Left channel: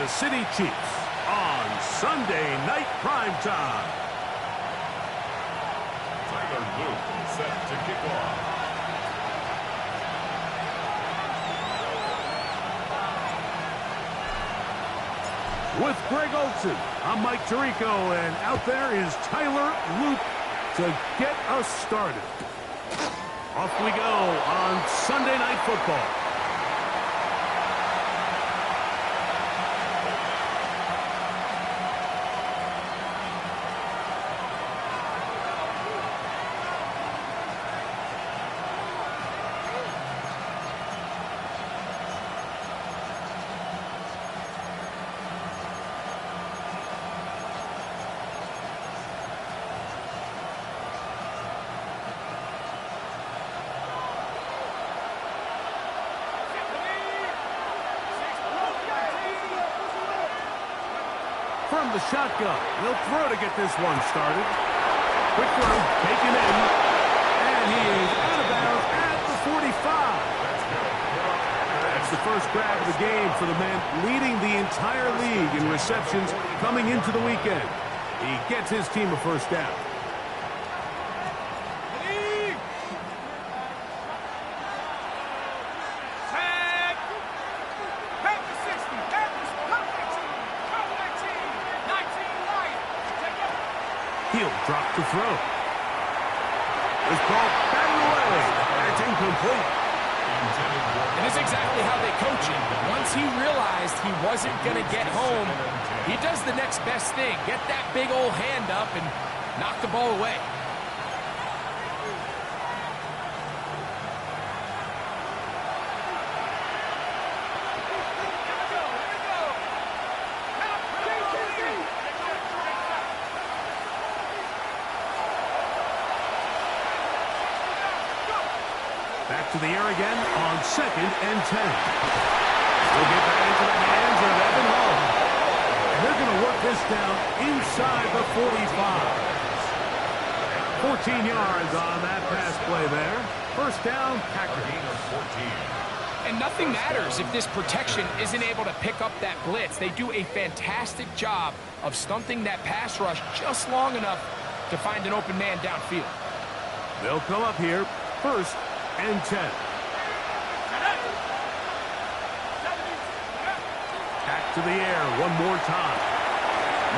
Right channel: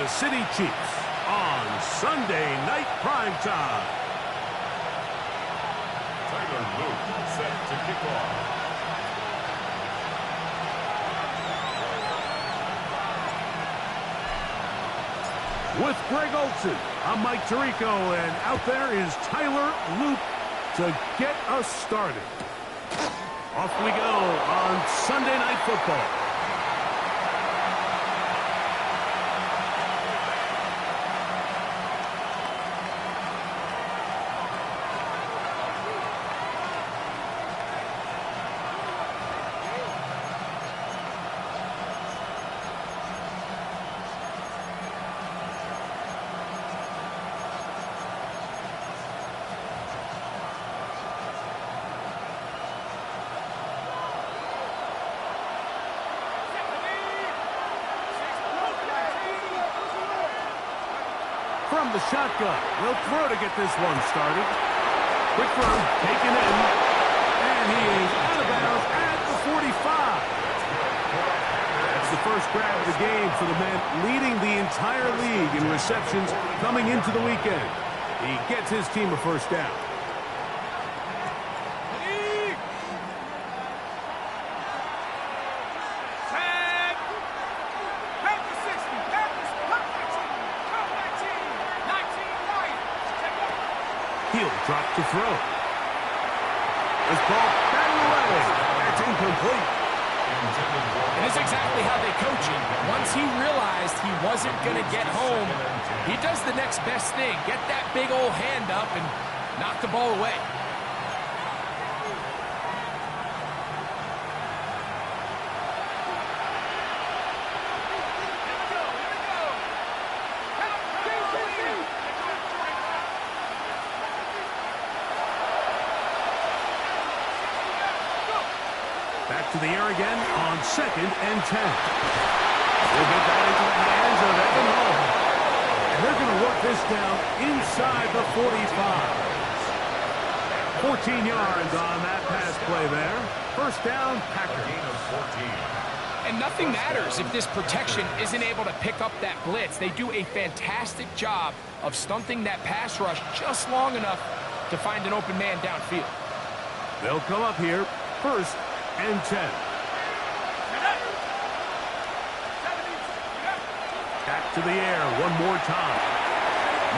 Kansas City Chiefs on Sunday Night Primetime. Tyler Luke set to kick off. With Greg Olson, I'm Mike Tirico, and out there is Tyler Luke to get us started. Off we go on Sunday Night Football. From the shotgun, he'll throw to get this one started. Quick throw, taken in, and he is out of bounds at the 45. That's the first grab of the game for the man leading the entire league in receptions coming into the weekend. He gets his team a first down. He'll drop to throw. This ball batted away. It's incomplete. And it's exactly how they coach him. Once he realized he wasn't going to get home, he does the next best thing. Get that big old hand up and knock the ball away. Back to the air again on 2nd and 10. We'll get that into the hands of Evan Hull. And they're going to work this down inside the 45. 14 yards on that pass play there. First down, Packers. And nothing matters if this protection isn't able to pick up that blitz. They do a fantastic job of stunting that pass rush just long enough to find an open man downfield. They'll come up here first and 10. Back to the air one more time.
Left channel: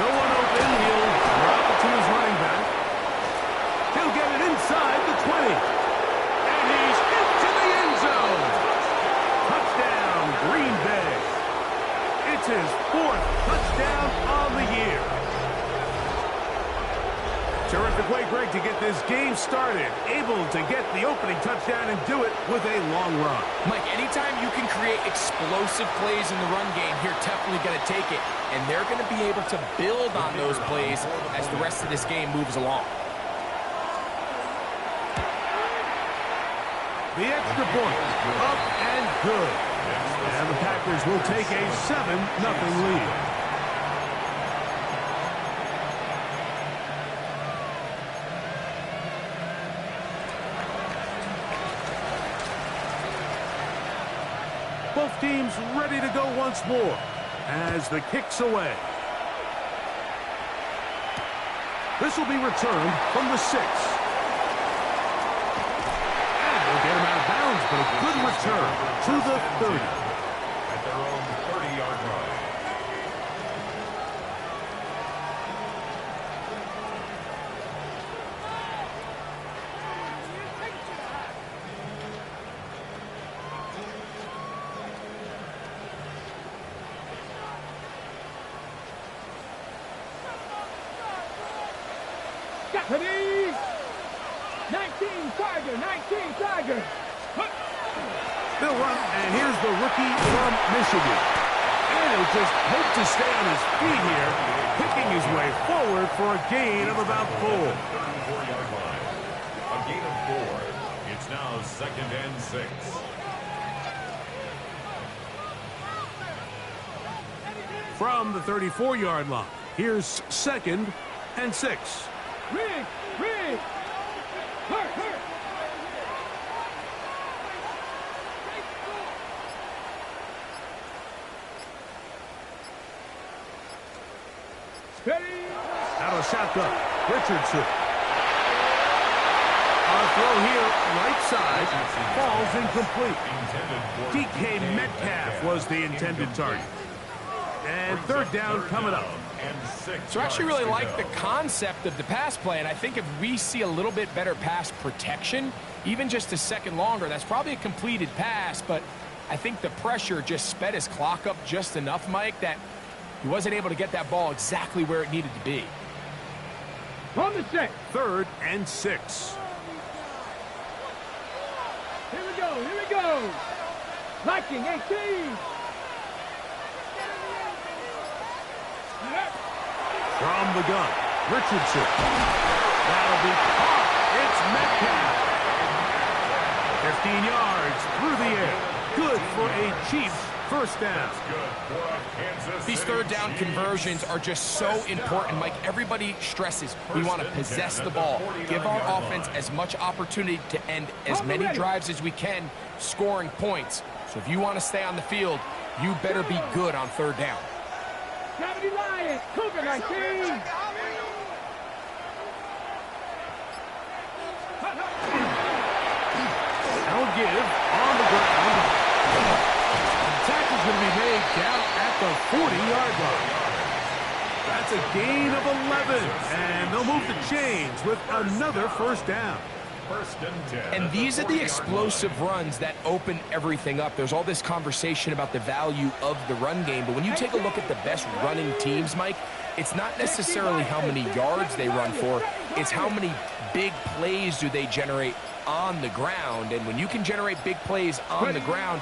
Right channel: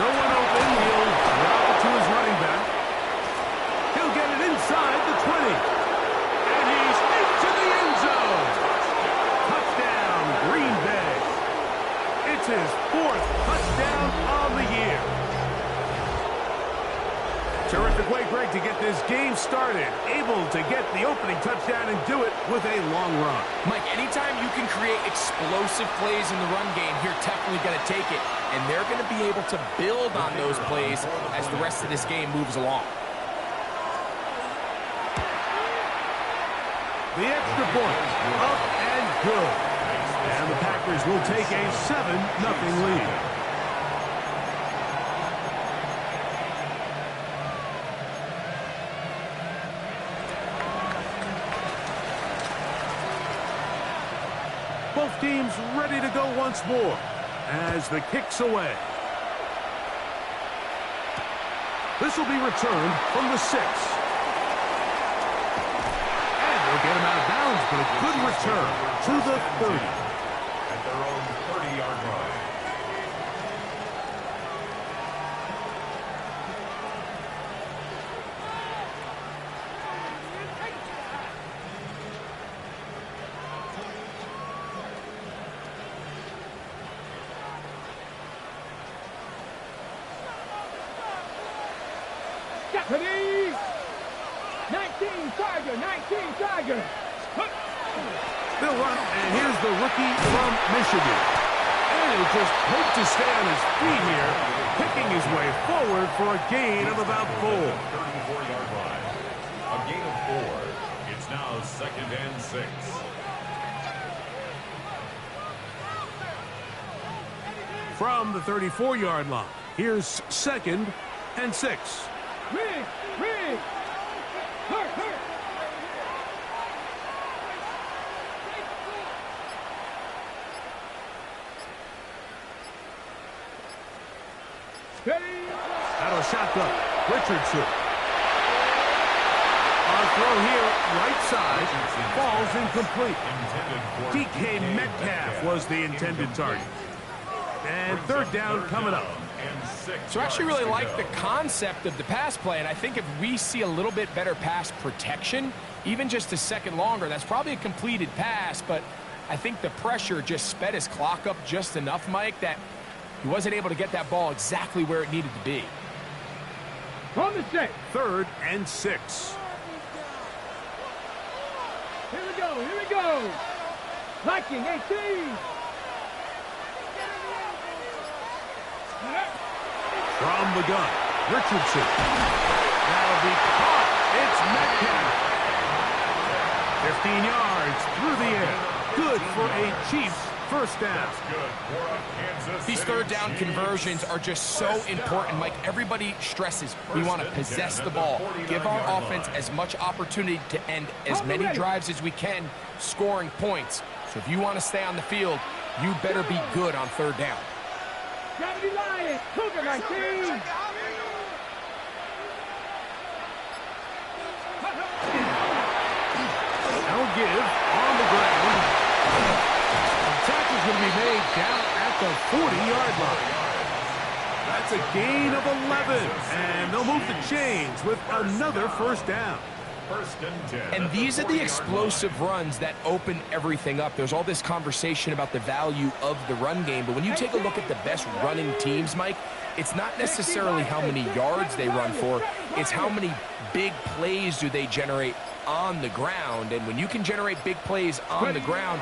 No one open. He'll drop it to his running back. He'll get it inside the 20. And he's into the end zone. Touchdown, Green Bay. It's his 4th touchdown of the year. Terrific way, Greg, to get this game started. Able to get the opening touchdown and do it with a long run. Mike, anytime you can create explosive plays in the run game, you're definitely going to take it. And they're going to be able to build on those plays as the rest of this game moves along. The extra point, up and good. And the Packers will take a 7-0 lead. Both teams ready to go once more as the kick's away. This will be returned from the 6. And they'll get him out of bounds, but a good return to the 30. At their own 30-yard line. Deputy! 19 Tiger! They'll run, and here's the rookie from Michigan. And he'll just hope to stay on his feet here, picking his way forward for a gain of about 4. 34-yard line. A gain of 4. It's now 2nd and 6. From the 34-yard line, here's 2nd and 6. Rig! Hurt! Ready? Out of shotgun. Richardson. On throw here, right side. Falls incomplete. DK Metcalf was the intended target. And third down coming up. So I actually really like the concept of the pass play, and I think if we see a little bit better pass protection, even just a second longer, that's probably a completed pass, but I think the pressure just sped his clock up just enough, Mike, that he wasn't able to get that ball exactly where it needed to be. From the set. 3rd and 6. Here we go, here we go. Liking 18. From the gun, Richardson. That'll be caught. It's Metcalf. 15 yards through the air. Good for a Chiefs first down. These third down conversions are just so important, Mike. Everybody stresses we want to possess the ball, give our offense as much opportunity to end as many drives as we can, scoring points. So if you want to stay on the field, you better be good on third down. Gravity Lions, Cougar 19. Now give on the ground. The tackle's going to be made down at the 40-yard line. That's a gain of 11, and they'll move the chains with another first down. And these are the explosive runs that open everything up. There's all this conversation about the value of the run game, but when you take a look at the best running teams, Mike, it's not necessarily how many yards they run for, it's how many big plays do they generate on the ground. And when you can generate big plays on the ground,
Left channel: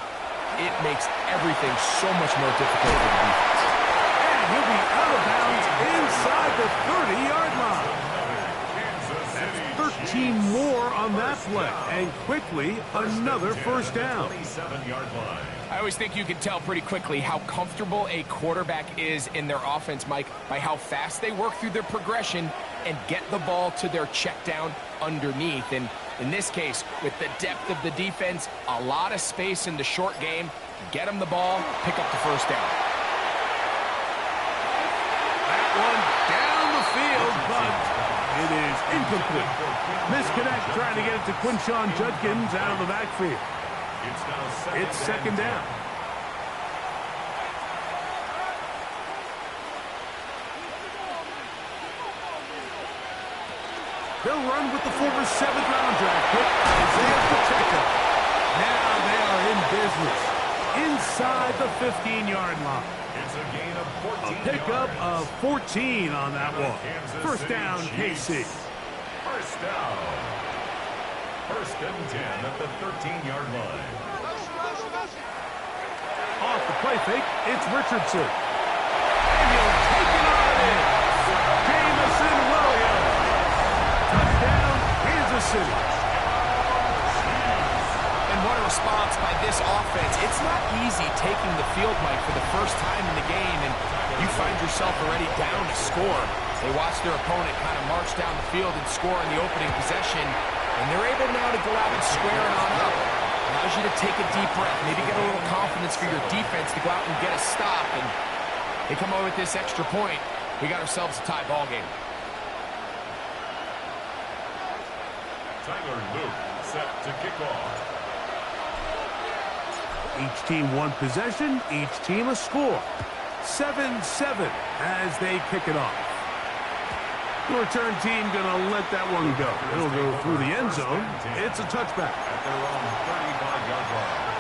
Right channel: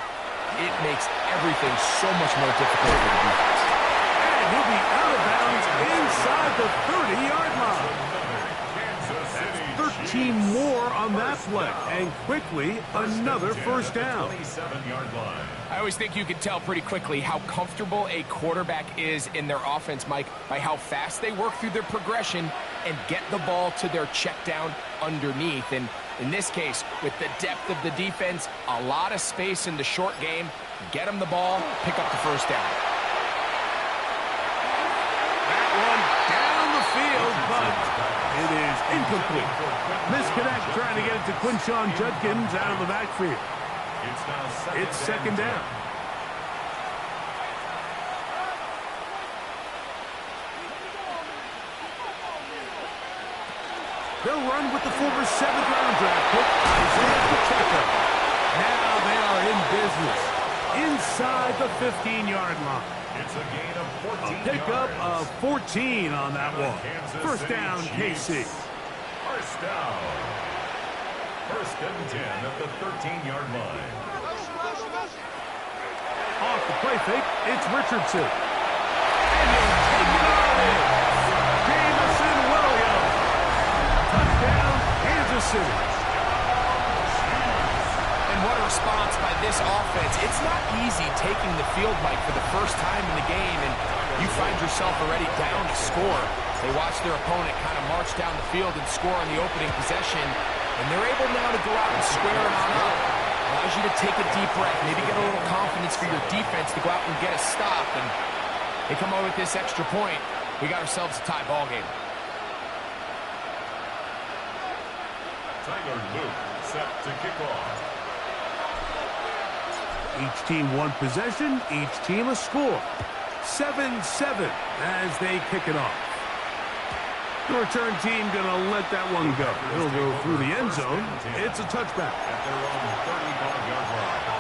it makes everything so much more difficult for the defense. And he'll be out of bounds inside the 30-yard line. That's 13 more on that play, and quickly another first down. I always think you can tell pretty quickly how comfortable a quarterback is in their offense, Mike, by how fast they work through their progression and get the ball to their check down underneath. And in this case, with the depth of the defense, a lot of space in the short game, get them the ball, pick up the first down. That one down the field, but it is incomplete. Misconnect trying to get it to Quinshon Judkins out of the backfield. It's second down. They'll run with the former 7th-round draft pick, Isaiah Pacheco. Now they are in business inside the 15-yard line. It's a gain of 14 A pickup yards. of 14 on that one. First down, KC. First down. 1st and 10 at the 13-yard line. Off the play fake, it's Richardson. And he'll take it on in. Jamison Williams. Touchdown, Kansas City. And what a response by this offense. It's not easy taking the field, Mike, for the first time in the game, and you find yourself already down to score. They watch their opponent kind of march down the field and score on the opening possession, and they're able now to go out and square it on up. Allows you to take a deep breath, maybe get a little confidence for your defense to go out and get a stop, and they come away with this extra point. We got ourselves a tie ball game. Tyler Luke set to kick off. Each team one possession, each team a score. 7-7 as they kick it off. The return team going to let that one go. It'll go through the end zone. It's a touchback. At their own 35-yard line.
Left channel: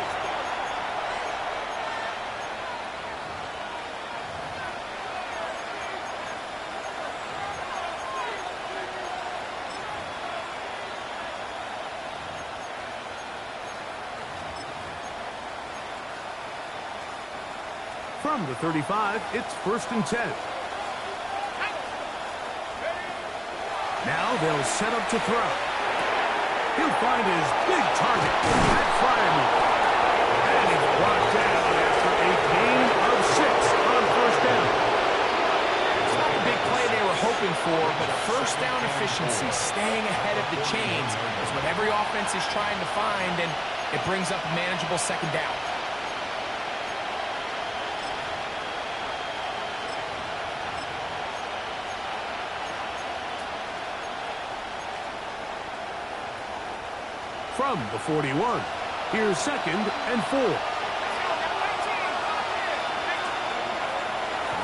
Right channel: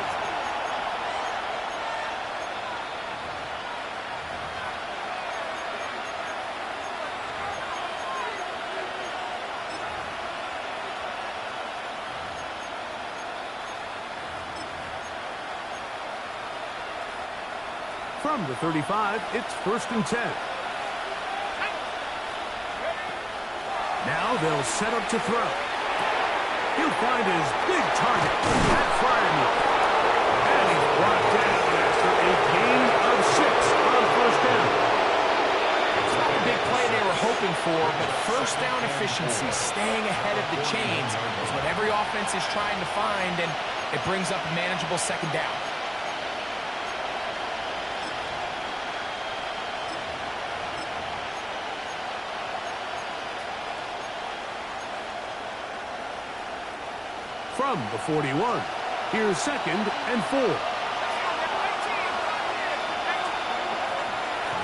From the 35, it's 1st and 10. Now they'll set up to throw. He'll find his big target, Pat Fryermuth. And he's brought down after a gain of 6 on first down. It's not the big play they were hoping for, but first down efficiency, staying ahead of the chains, is what every offense is trying to find, and it brings up a manageable second down. from the 41. Here's 2nd and 4.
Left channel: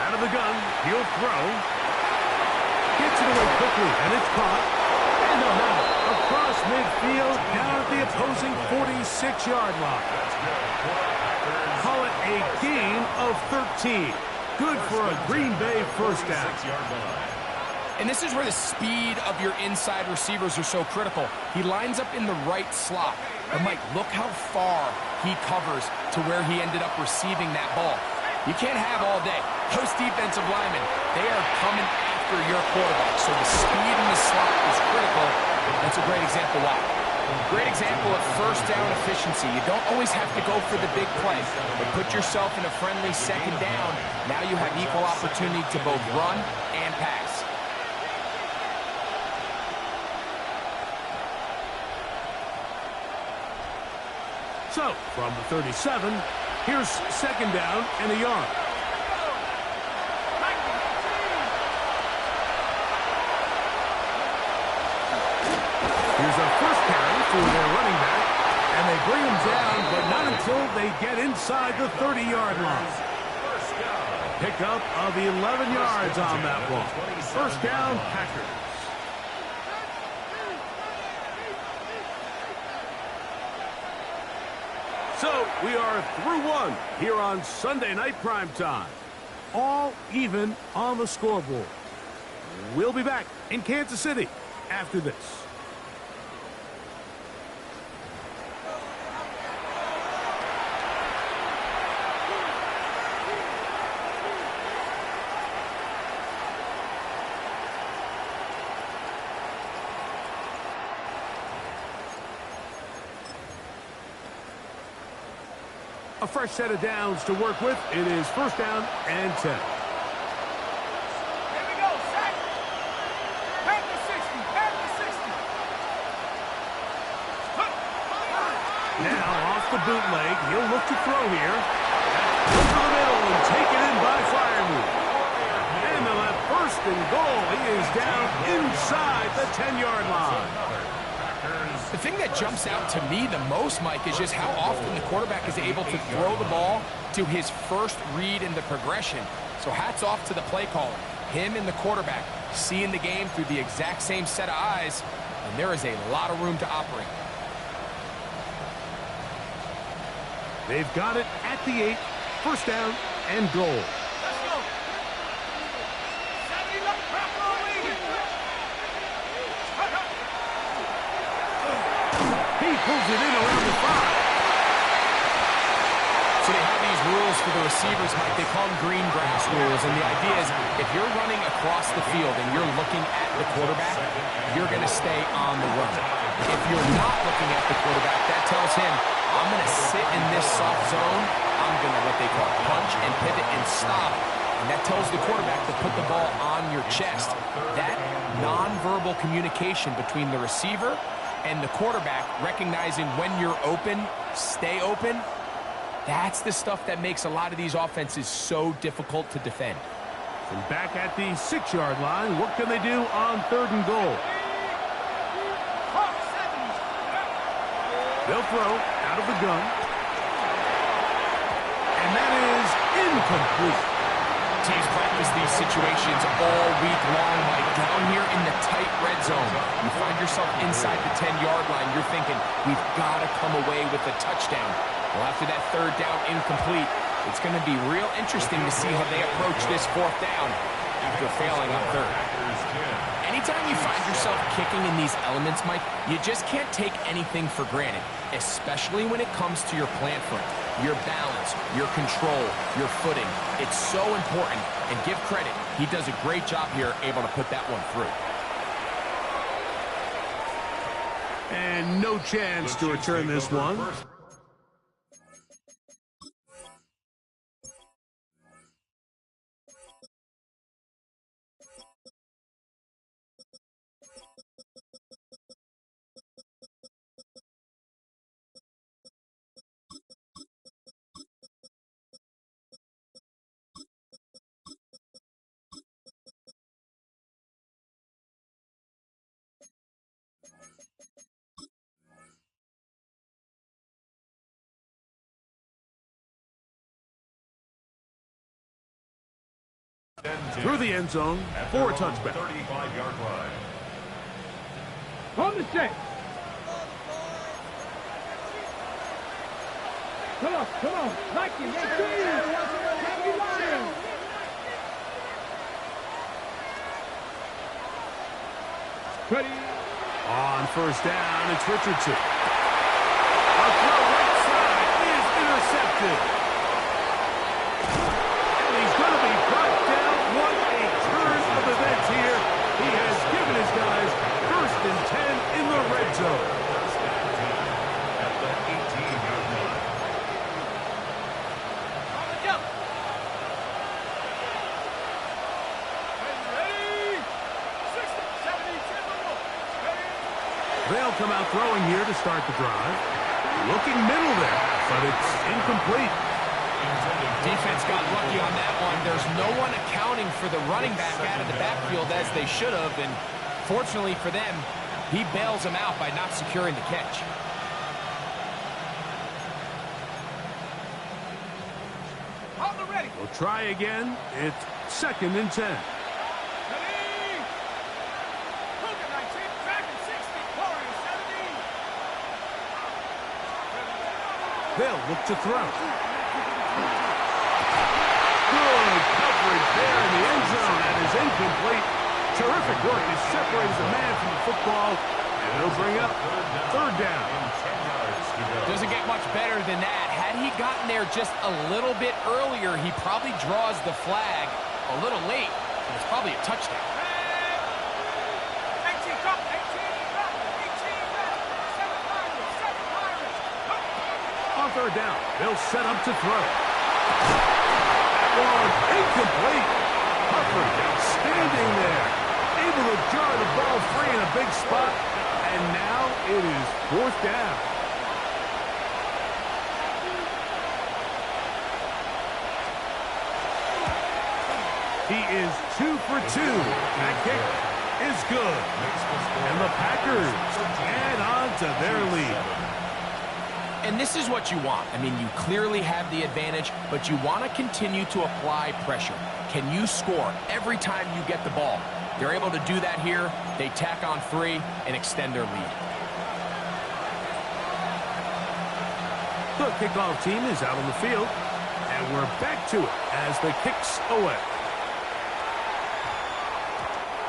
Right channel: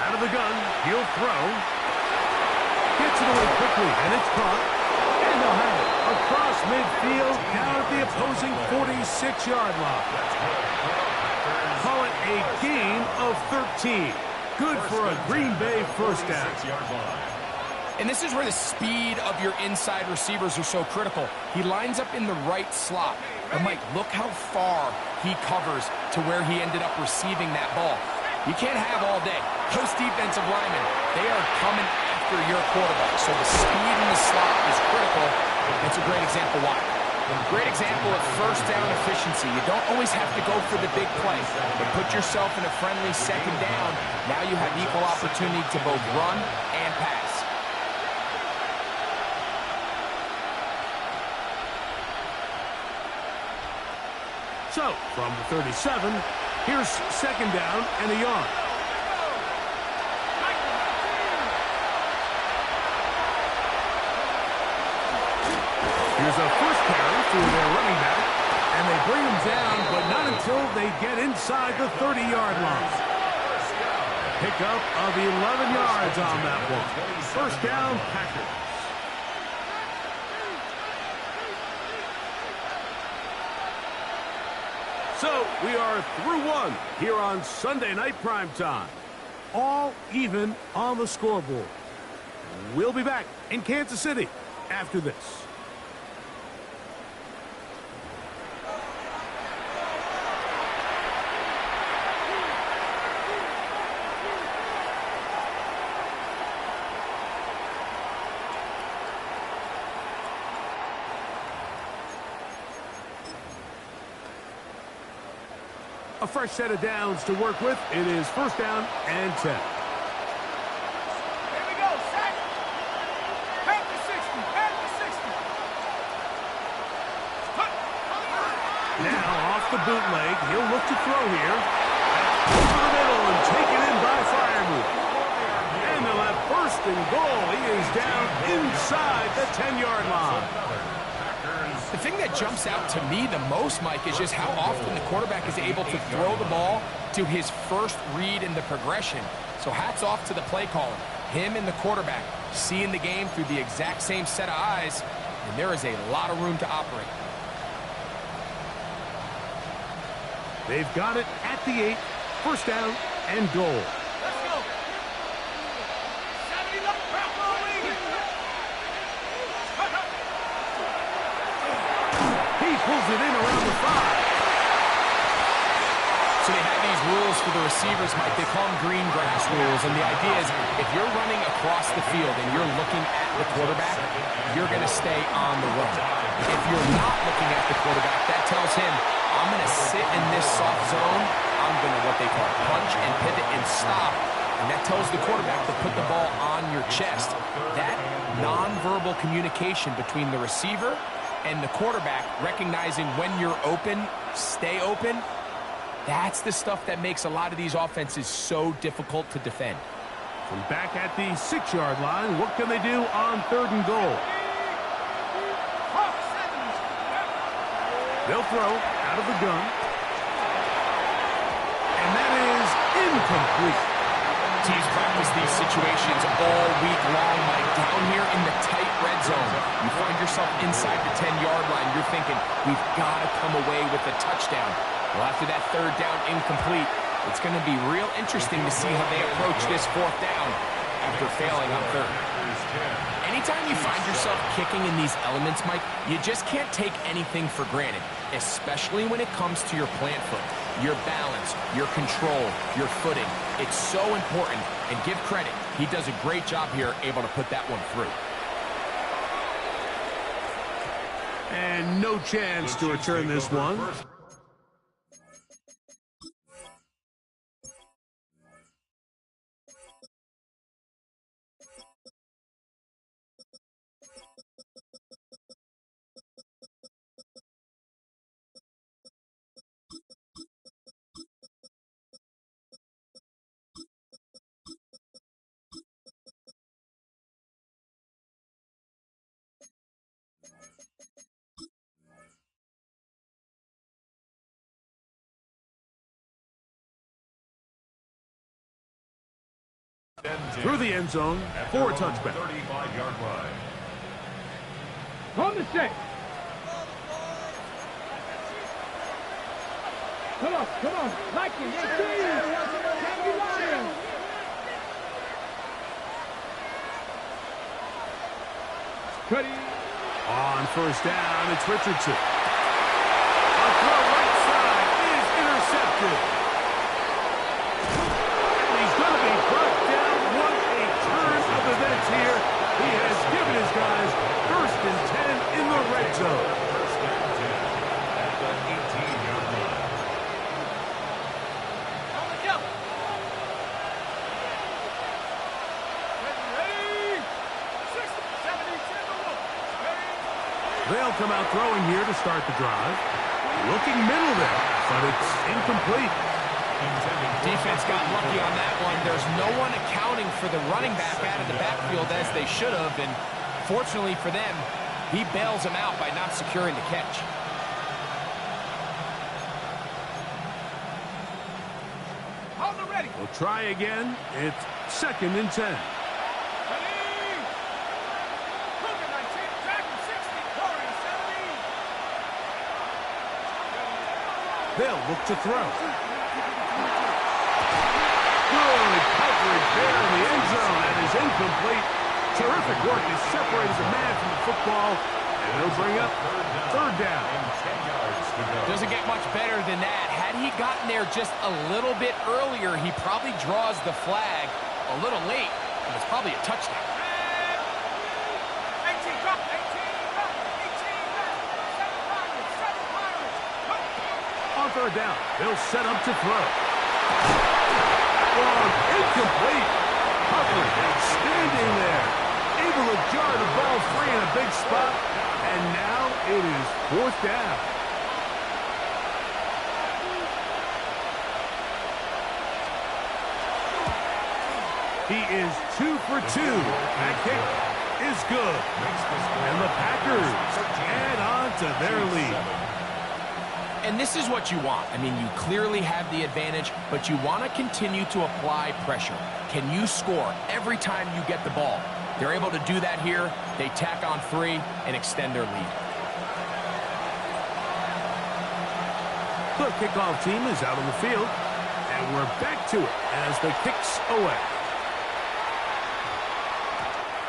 Out of the gun, he'll throw. Gets it away quickly, and it's caught. And they'll have it across midfield, down at the opposing 46-yard line. Call it a gain of 13. Good for a Green Bay first down. And this is where the speed of your inside receivers are so critical. He lines up in the right slot. But, Mike, look how far he covers to where he ended up receiving that ball. You can't have all day. Those defensive linemen, they are coming after your quarterback. So the speed in the slot is critical. That's a great example why. Great example of first down efficiency. You don't always have to go for the big play, but put yourself in a friendly 2nd down. Now you have equal opportunity to both run and pass. So, from the 37, here's 2nd down and a yard. Here's a first carry for their running back, and they bring him down, but not until they get inside the 30-yard line. Pickup of 11 yards on that one. First down, Packers. So, we are through one here on Sunday Night Primetime. All even on the scoreboard. We'll be back in Kansas City after this. A fresh set of downs to work with. It is first down and 10. Here we go, sack. Pack the 60, pack the 60. Now off the bootleg, he'll look to throw here. Over the middle and taken in by Freiermuth. And they'll have first and goal. He is down inside the 10-yard line. The thing that jumps out to me the most, Mike, is just how often the quarterback is able to throw the ball to his first read in the progression. So hats off to the play caller. Him and the quarterback seeing the game through the exact same set of eyes, and there is a lot of room to operate. They've got it at the 8. First down and goal. Let's go. 70 left, He pulls it in around the 5. So they have these rules for the receivers, Mike. They call them green grass rules. And the idea is if you're running across the field and you're looking at the quarterback, you're going to stay on the run. If you're not looking at the quarterback, that tells him, I'm going to sit in this soft zone. I'm going to what they call punch and pivot and stop. And that tells the quarterback to put the ball on your chest. That nonverbal communication between the receiver and the quarterback, recognizing when you're open, stay open, that's the stuff that makes a lot of these offenses so difficult to defend. From back at the 6-yard line, what can they do on 3rd and goal? They'll throw out of the gun. And that is incomplete. Teams practice these situations all week long, Mike. Down here in the tight red zone, you find yourself inside the 10-yard line. You're thinking, we've got to come away with a touchdown. Well, after that 3rd down incomplete, it's going to be real interesting to see how they approach this 4th down after failing on 3rd. Anytime you find yourself kicking in these elements, Mike, you just can't take anything for granted, especially when it comes to your plant foot. Your balance, your control, your footing. It's so important, and give credit. He does a great job here, able to put that one through. And no chance to return this one. through the end zone for a touchback. 35-yard line. On the set. Come on. Like it, On first down, it's Richardson. A throw right side is intercepted. And he's going to be brought down. What a turn of events here. He has given his guys 1st and 10 in the red zone. 1st and 10 at the 18-yard line. On the jump. Ready. 60, 70, 10. Ready. They'll come out throwing here to start the drive. Looking middle there, but it's incomplete. Defense got lucky on that one. There's no one accounting for the running back out of the backfield as they should have, and fortunately for them, he bails them out by not securing the catch. On the ready. We'll try again. It's 2nd and 10. Ready. Cougar 19, Dragon 60, Warrior 70. They'll look to throw. Good coverage there in the end zone. That is incomplete. Terrific work. He separated the man from the football, and it'll bring up 3rd down. 10 yards to go. Doesn't get much better than that. Had he gotten there just a little bit earlier, he probably draws the flag a little late, and it's probably a touchdown. 18 drop, 18 drop, 18 drop, 7 Pirates. On 3rd down, they'll set up to throw. One incomplete. Coverage outstanding there. Able to jar the ball free in a big spot. And now it is 4th down. He is 2 for 2. That kick is good. And the Packers add on to their lead. And this is what you want. I mean, you clearly have the advantage, but you want to continue to apply pressure. Can you score every time you get the ball? They're able to do that here. They tack on 3 and extend their lead. The kickoff team is out on the field, and we're back to it as the kick's away.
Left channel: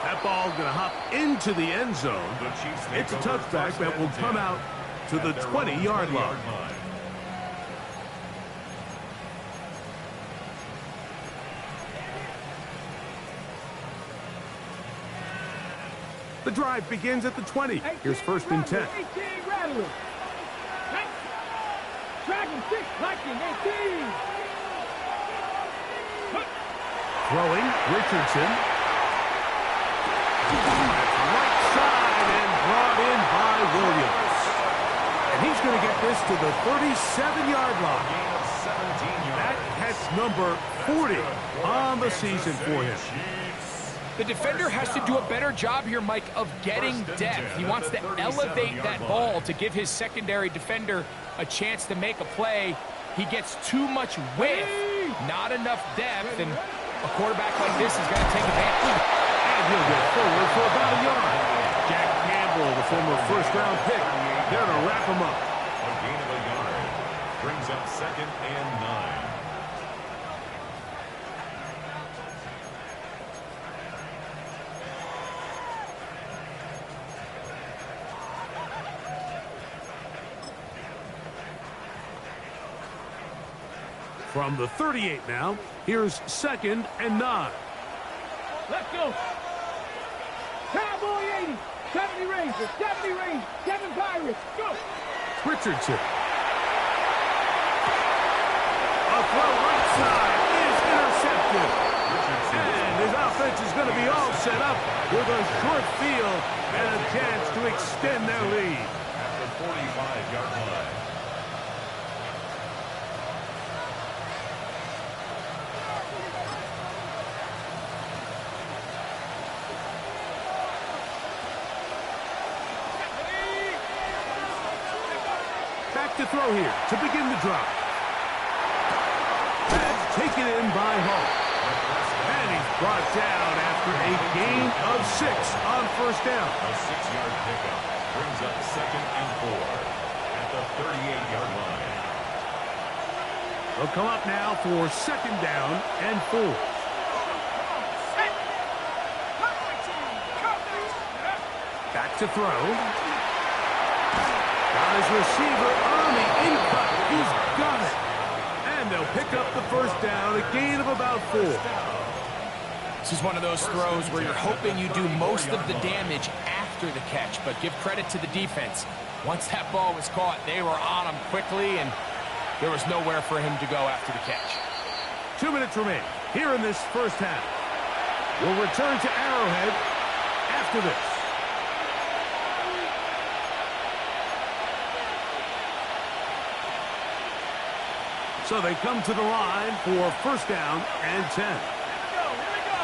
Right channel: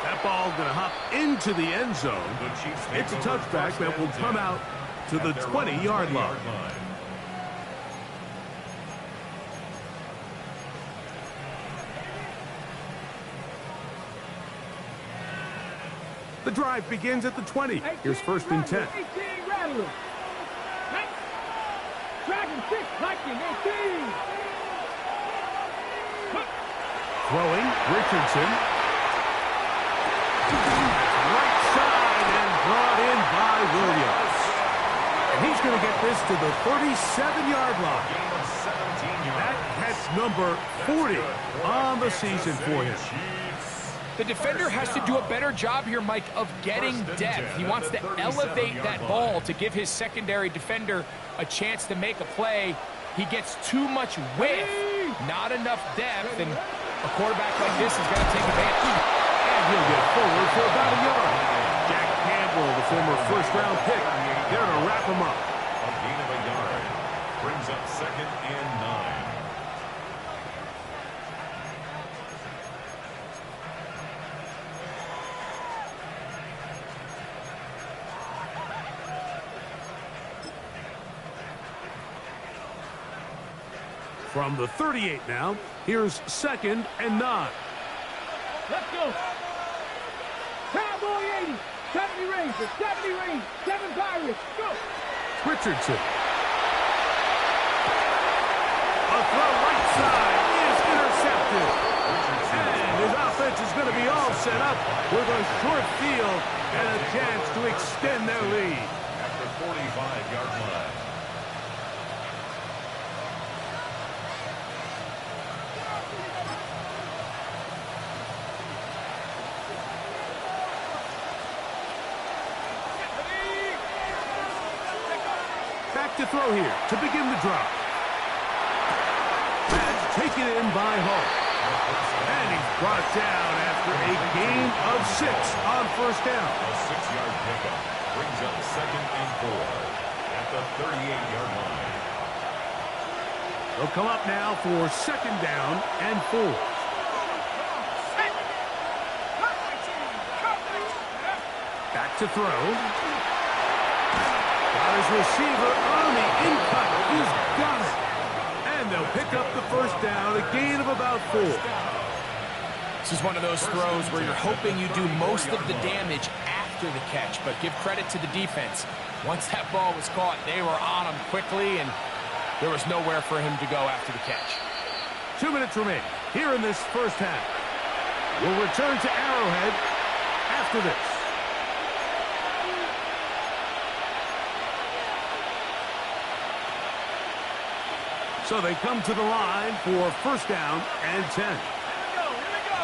That ball going to hop into the end zone. It's a touchback that will come out to the 20-yard line. The drive begins at the 20. Here's 1st and 10. 18 Rattler. Dragon 6, Lightning 18. Throwing, Richardson. That's right side and brought in by Williams. And he's going to get this to the 37-yard line. That catch number 40 on the season for him. The defender has to do a better job here, Mike, of getting depth. He wants to elevate that ball to give his secondary defender a chance to make a play. He gets too much width, not enough depth, and a quarterback like this is going to take advantage. And he'll get forward for about a yard. Jack Campbell, the former 1st-round pick, there to wrap him up. A gain of a yard brings up 2nd and 9. From the 38 now, here's 2nd and 9. Let's go. Cowboy 80, 70 Rangers, 70 Rangers, 7 Pirates. Go. Richardson. A throw right side is intercepted. And his offense is going to be all set up with a short field and a chance to extend their lead. At the 45-yard line. Back to throw here to begin the drive. That's taken in by Hall. And he's brought down after a gain of 6 on first down. A 6-yard pickup brings up 2nd and 4 at the 38-yard line. They'll come up now for 2nd down and 4. Back to throw. Got his receiver on the in-cut. He's got it. And they'll pick up the first down, a gain of about 4. This is one of those throws where you're hoping you do most of the damage after the catch, but give credit to the defense. Once that ball was caught, they were on him quickly, and there was nowhere for him to go after the catch. 2 minutes remain here in this first half. We'll return to Arrowhead after this. So they come to the line for first down and 10. Here we go.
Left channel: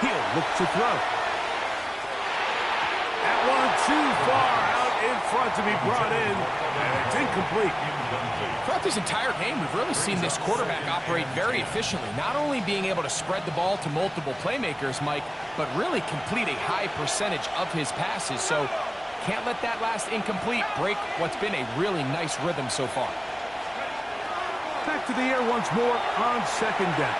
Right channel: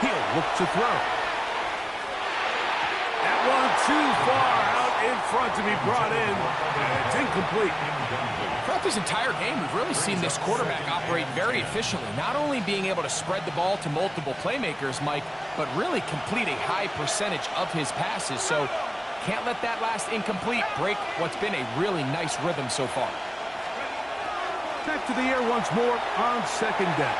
He'll look to throw. That one too far out in front to be brought in, and it's incomplete. Throughout this entire game, we've really seen this quarterback operate very efficiently, not only being able to spread the ball to multiple playmakers, Mike, but really complete a high percentage of his passes. So can't let that last incomplete break what's been a really nice rhythm so far. Back to the air once more on 2nd down.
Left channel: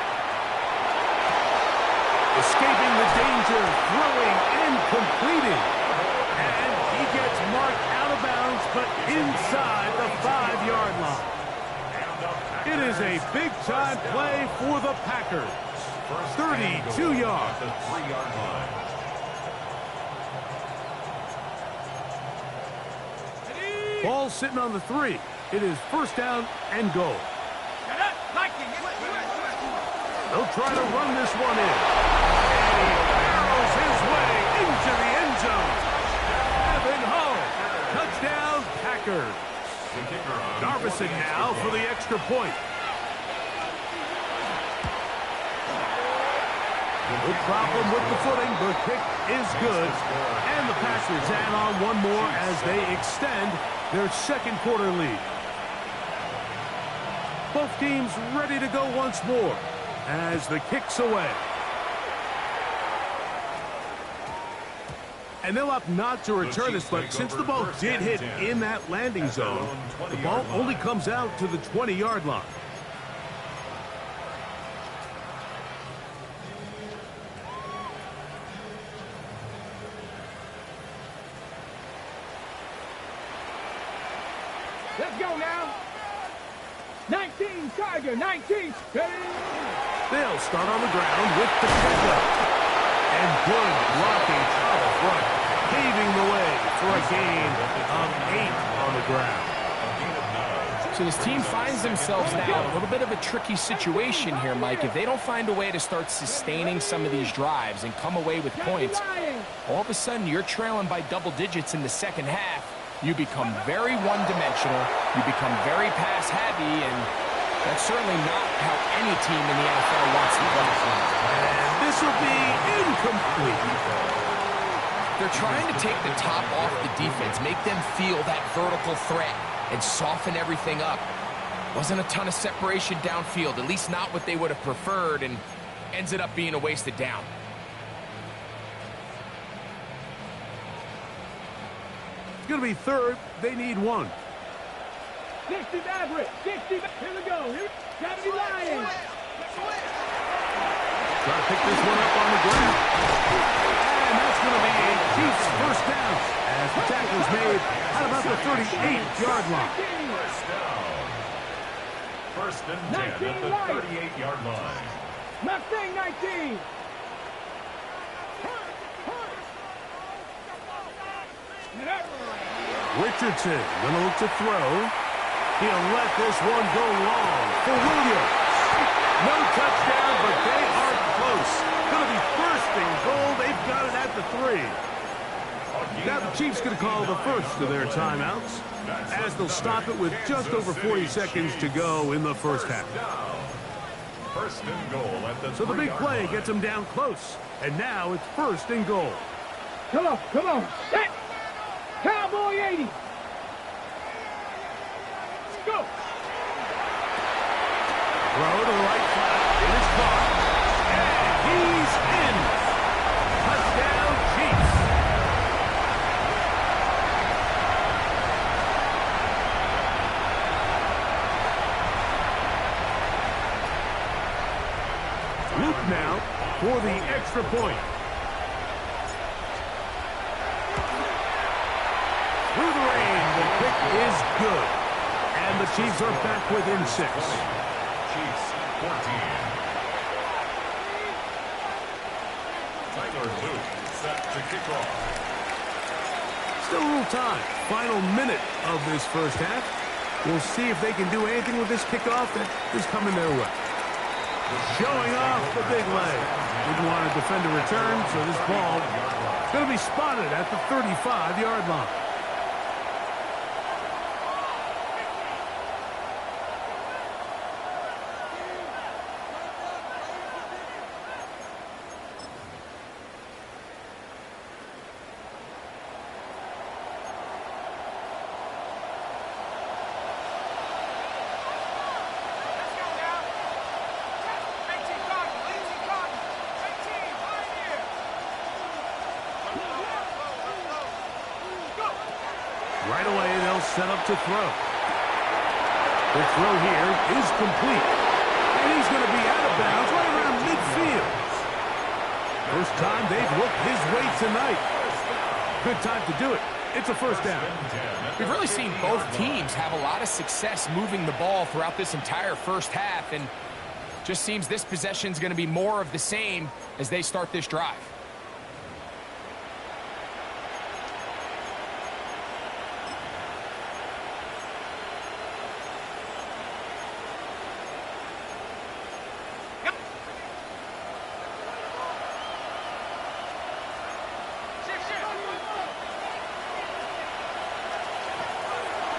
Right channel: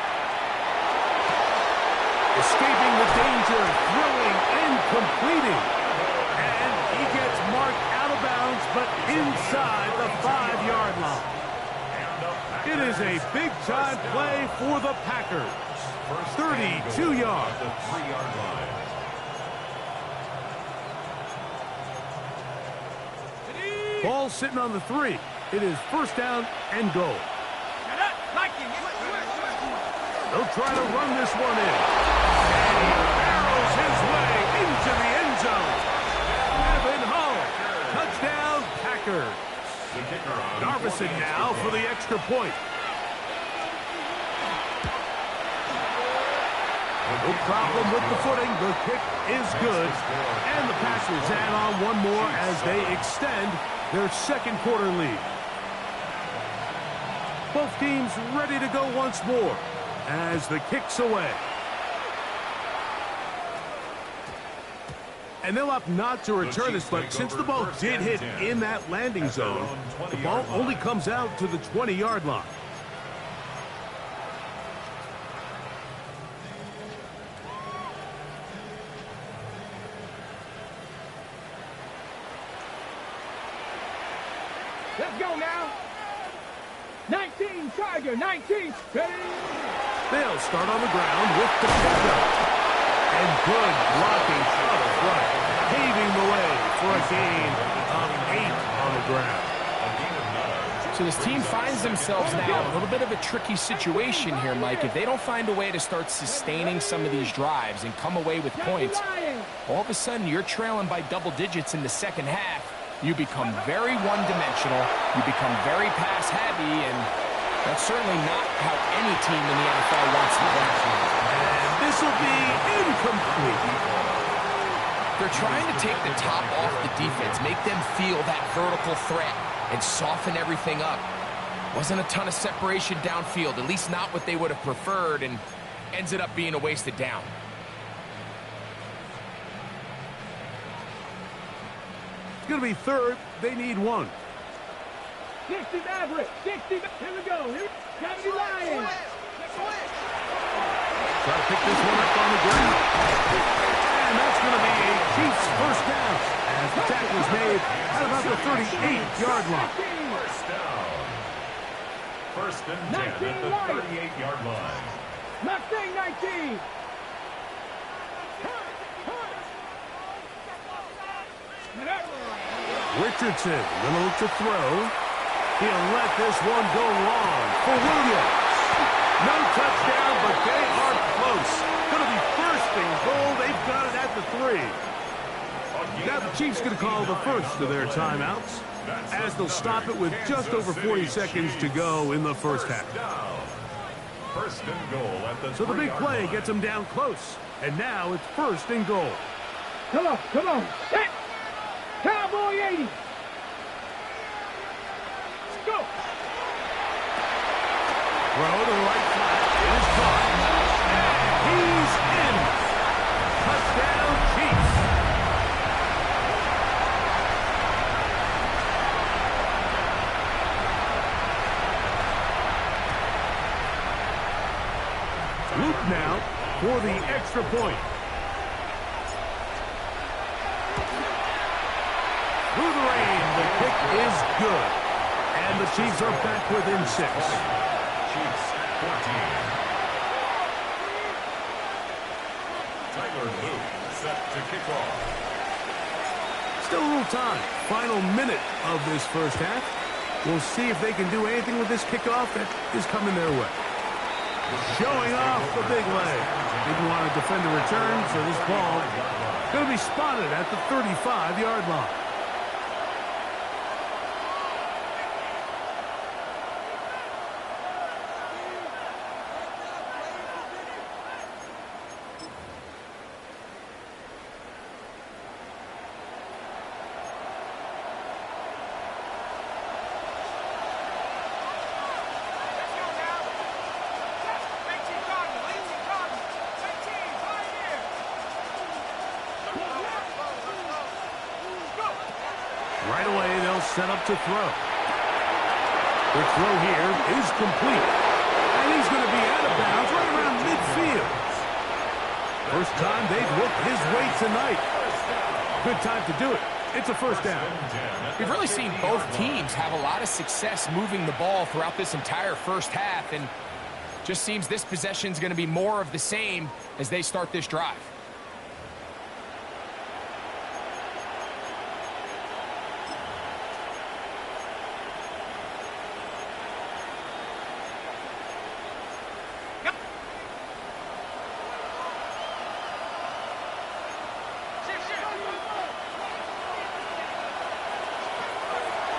Escaping the danger, throwing and completing. And he gets marked out of bounds, but inside the 5-yard line. It is a big-time play for the Packers. 32 yards. The 3-yard line. Ball sitting on the 3. It is first down and goal. They'll try to run this one in. And he barrels his way into the end zone. Evan Hull. Touchdown, Packers. Darvison now for the extra point. No problem with the footing. The kick is good. And the Packers add on one more as they extend their second quarter lead. Both teams ready to go once more as the kick's away. And they'll opt not to return this, but since the ball did hit in that landing zone, the ball only comes out to the 20-yard line. Let's go now. 19, Tiger, 19. Ready? They'll start on the ground with the pickup. And good blocking up front, paving the way for a gain of 8 on the ground. So this team finds themselves now in a little bit of a tricky situation here, Mike. If they don't find a way to start sustaining some of these drives and come away with points, all of a sudden you're trailing by double digits in the second half. You become very one-dimensional, you become very pass-heavy, and that's certainly not how any team in the NFL wants to play. And this will be incomplete. They're trying to take the top off the defense, make them feel that vertical threat, and soften everything up. Wasn't a ton of separation downfield, at least not what they would have preferred, and ends it up being a wasted down. It's going to be third. They need one. 60 average. 60. Here we go. Here. Gotta be lying. Try to pick this one up on the ground. And that's going to be a Chiefs first down as the tackle is made at about the 38-yard line. First down. First and 10 at the 38-yard line. Mustang 19. Richardson going to look to throw. He'll let this one go long for Williams. No touchdown, but they are close. Going to be first and goal. They've got it at the 3. Now the Chiefs going to call the first of their timeouts as they'll stop it with just over 40 seconds to go in the first half. First and goal at the So the big play gets them down close. And now it's first and goal. Come on, come on. Set. Cowboy 80. Go. Throw to the right flat. It is caught. And he's in. Touchdown, Chiefs. Luke now for the extra point. Through the rain, the kick is good. And the Chiefs are back within 6. Chiefs 14. Tyler Luke set to kick off. Still a little time. Final minute of this first half. We'll see if they can do anything with this kickoff that is coming their way. Showing off the big leg. Didn't want to defend a return, so this ball is going to be spotted at the 35-yard line. Right away, they'll set up to throw. The throw here is complete. And he's going to be out of bounds right around midfield. First time they've looked his way tonight. Good time to do it. It's a first down. We've really seen both teams have a lot of success moving the ball throughout this entire first half, and just seems this possession is going to be more of the same as they start this drive.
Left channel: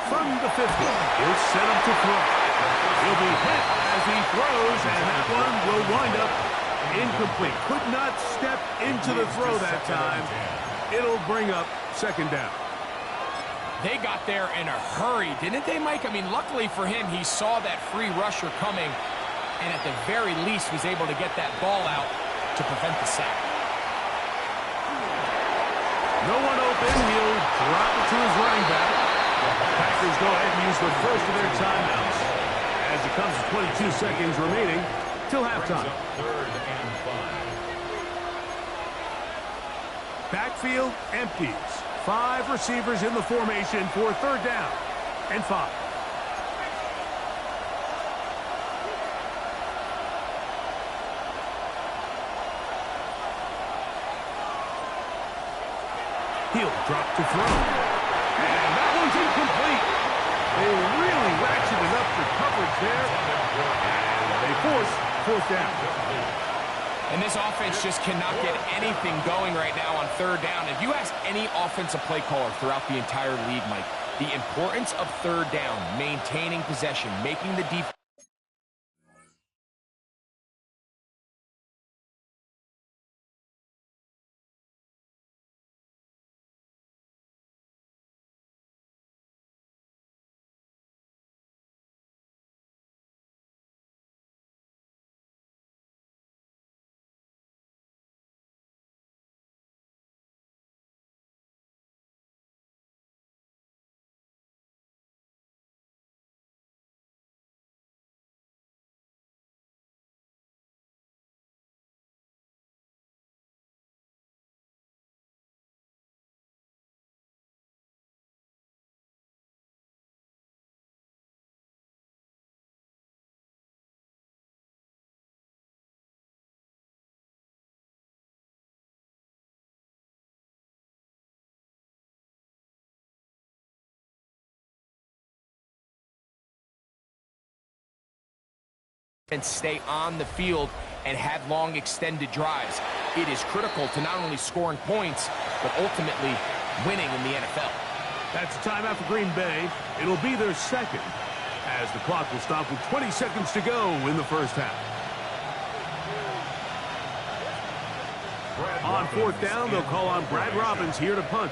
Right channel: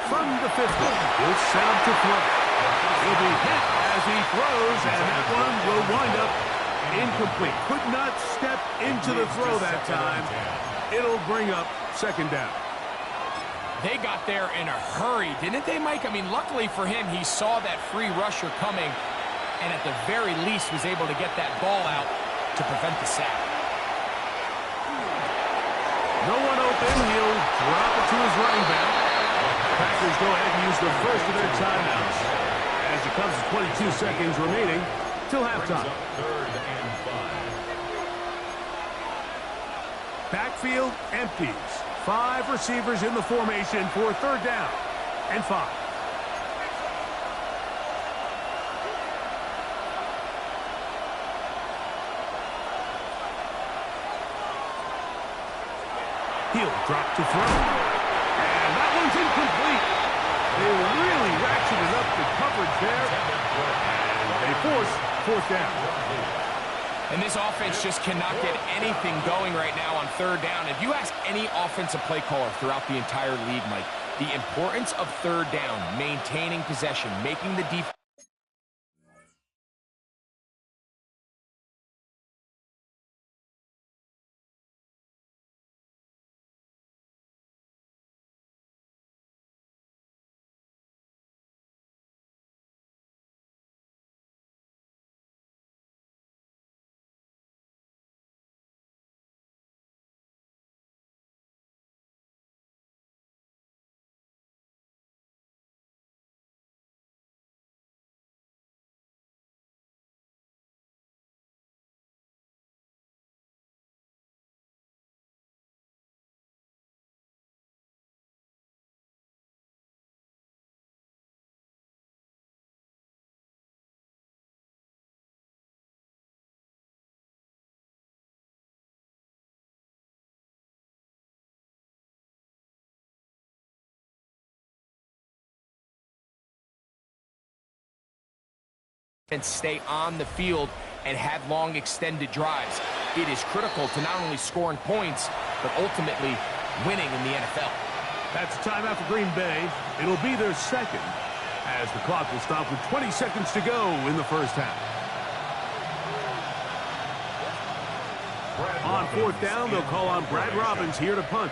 From the 50, he'll set up to throw. He'll be hit as he throws, and that one will wind up incomplete. Could not step into the throw that time. It'll bring up second down. They got there in a hurry, didn't they, Mike? I mean, luckily for him, he saw that free rusher coming, and at the very least was able to get that ball out to prevent the sack. No one open. He'll drop it to his running back. Packers go ahead and use the first of their timeouts as it comes to 22 seconds remaining till halftime. Third and 5. Backfield empties. 5 receivers in the formation for third down and 5. He'll drop to throw. And that one's incomplete. They really ratcheted up the coverage there, and they force fourth down. And this offense just cannot get anything going right now on third down. If you ask any offensive play caller throughout the entire league, Mike, the importance of third down, maintaining possession, making the defense stay on the field and have long extended drives. It is critical to not only scoring points, but ultimately winning in the NFL. That's a timeout for Green Bay. It'll be their second, as the clock will stop with 20 seconds to go in the first half. On fourth down, they'll call on Brad Robbins here to punt.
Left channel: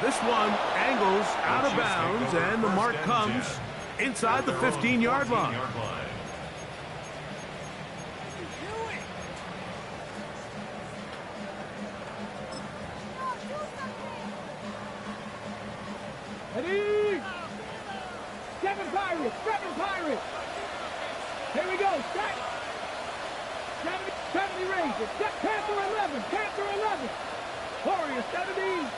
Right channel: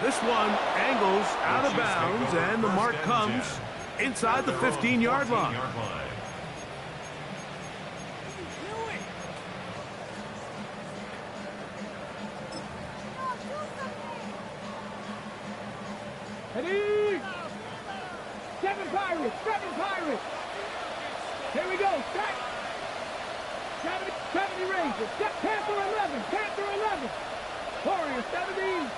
This one angles out of bounds, and the mark comes inside the 15-yard line. Ready? Seven Pirates. Here we go. Set. 70 Rangers. Panther 11. Warriors 70.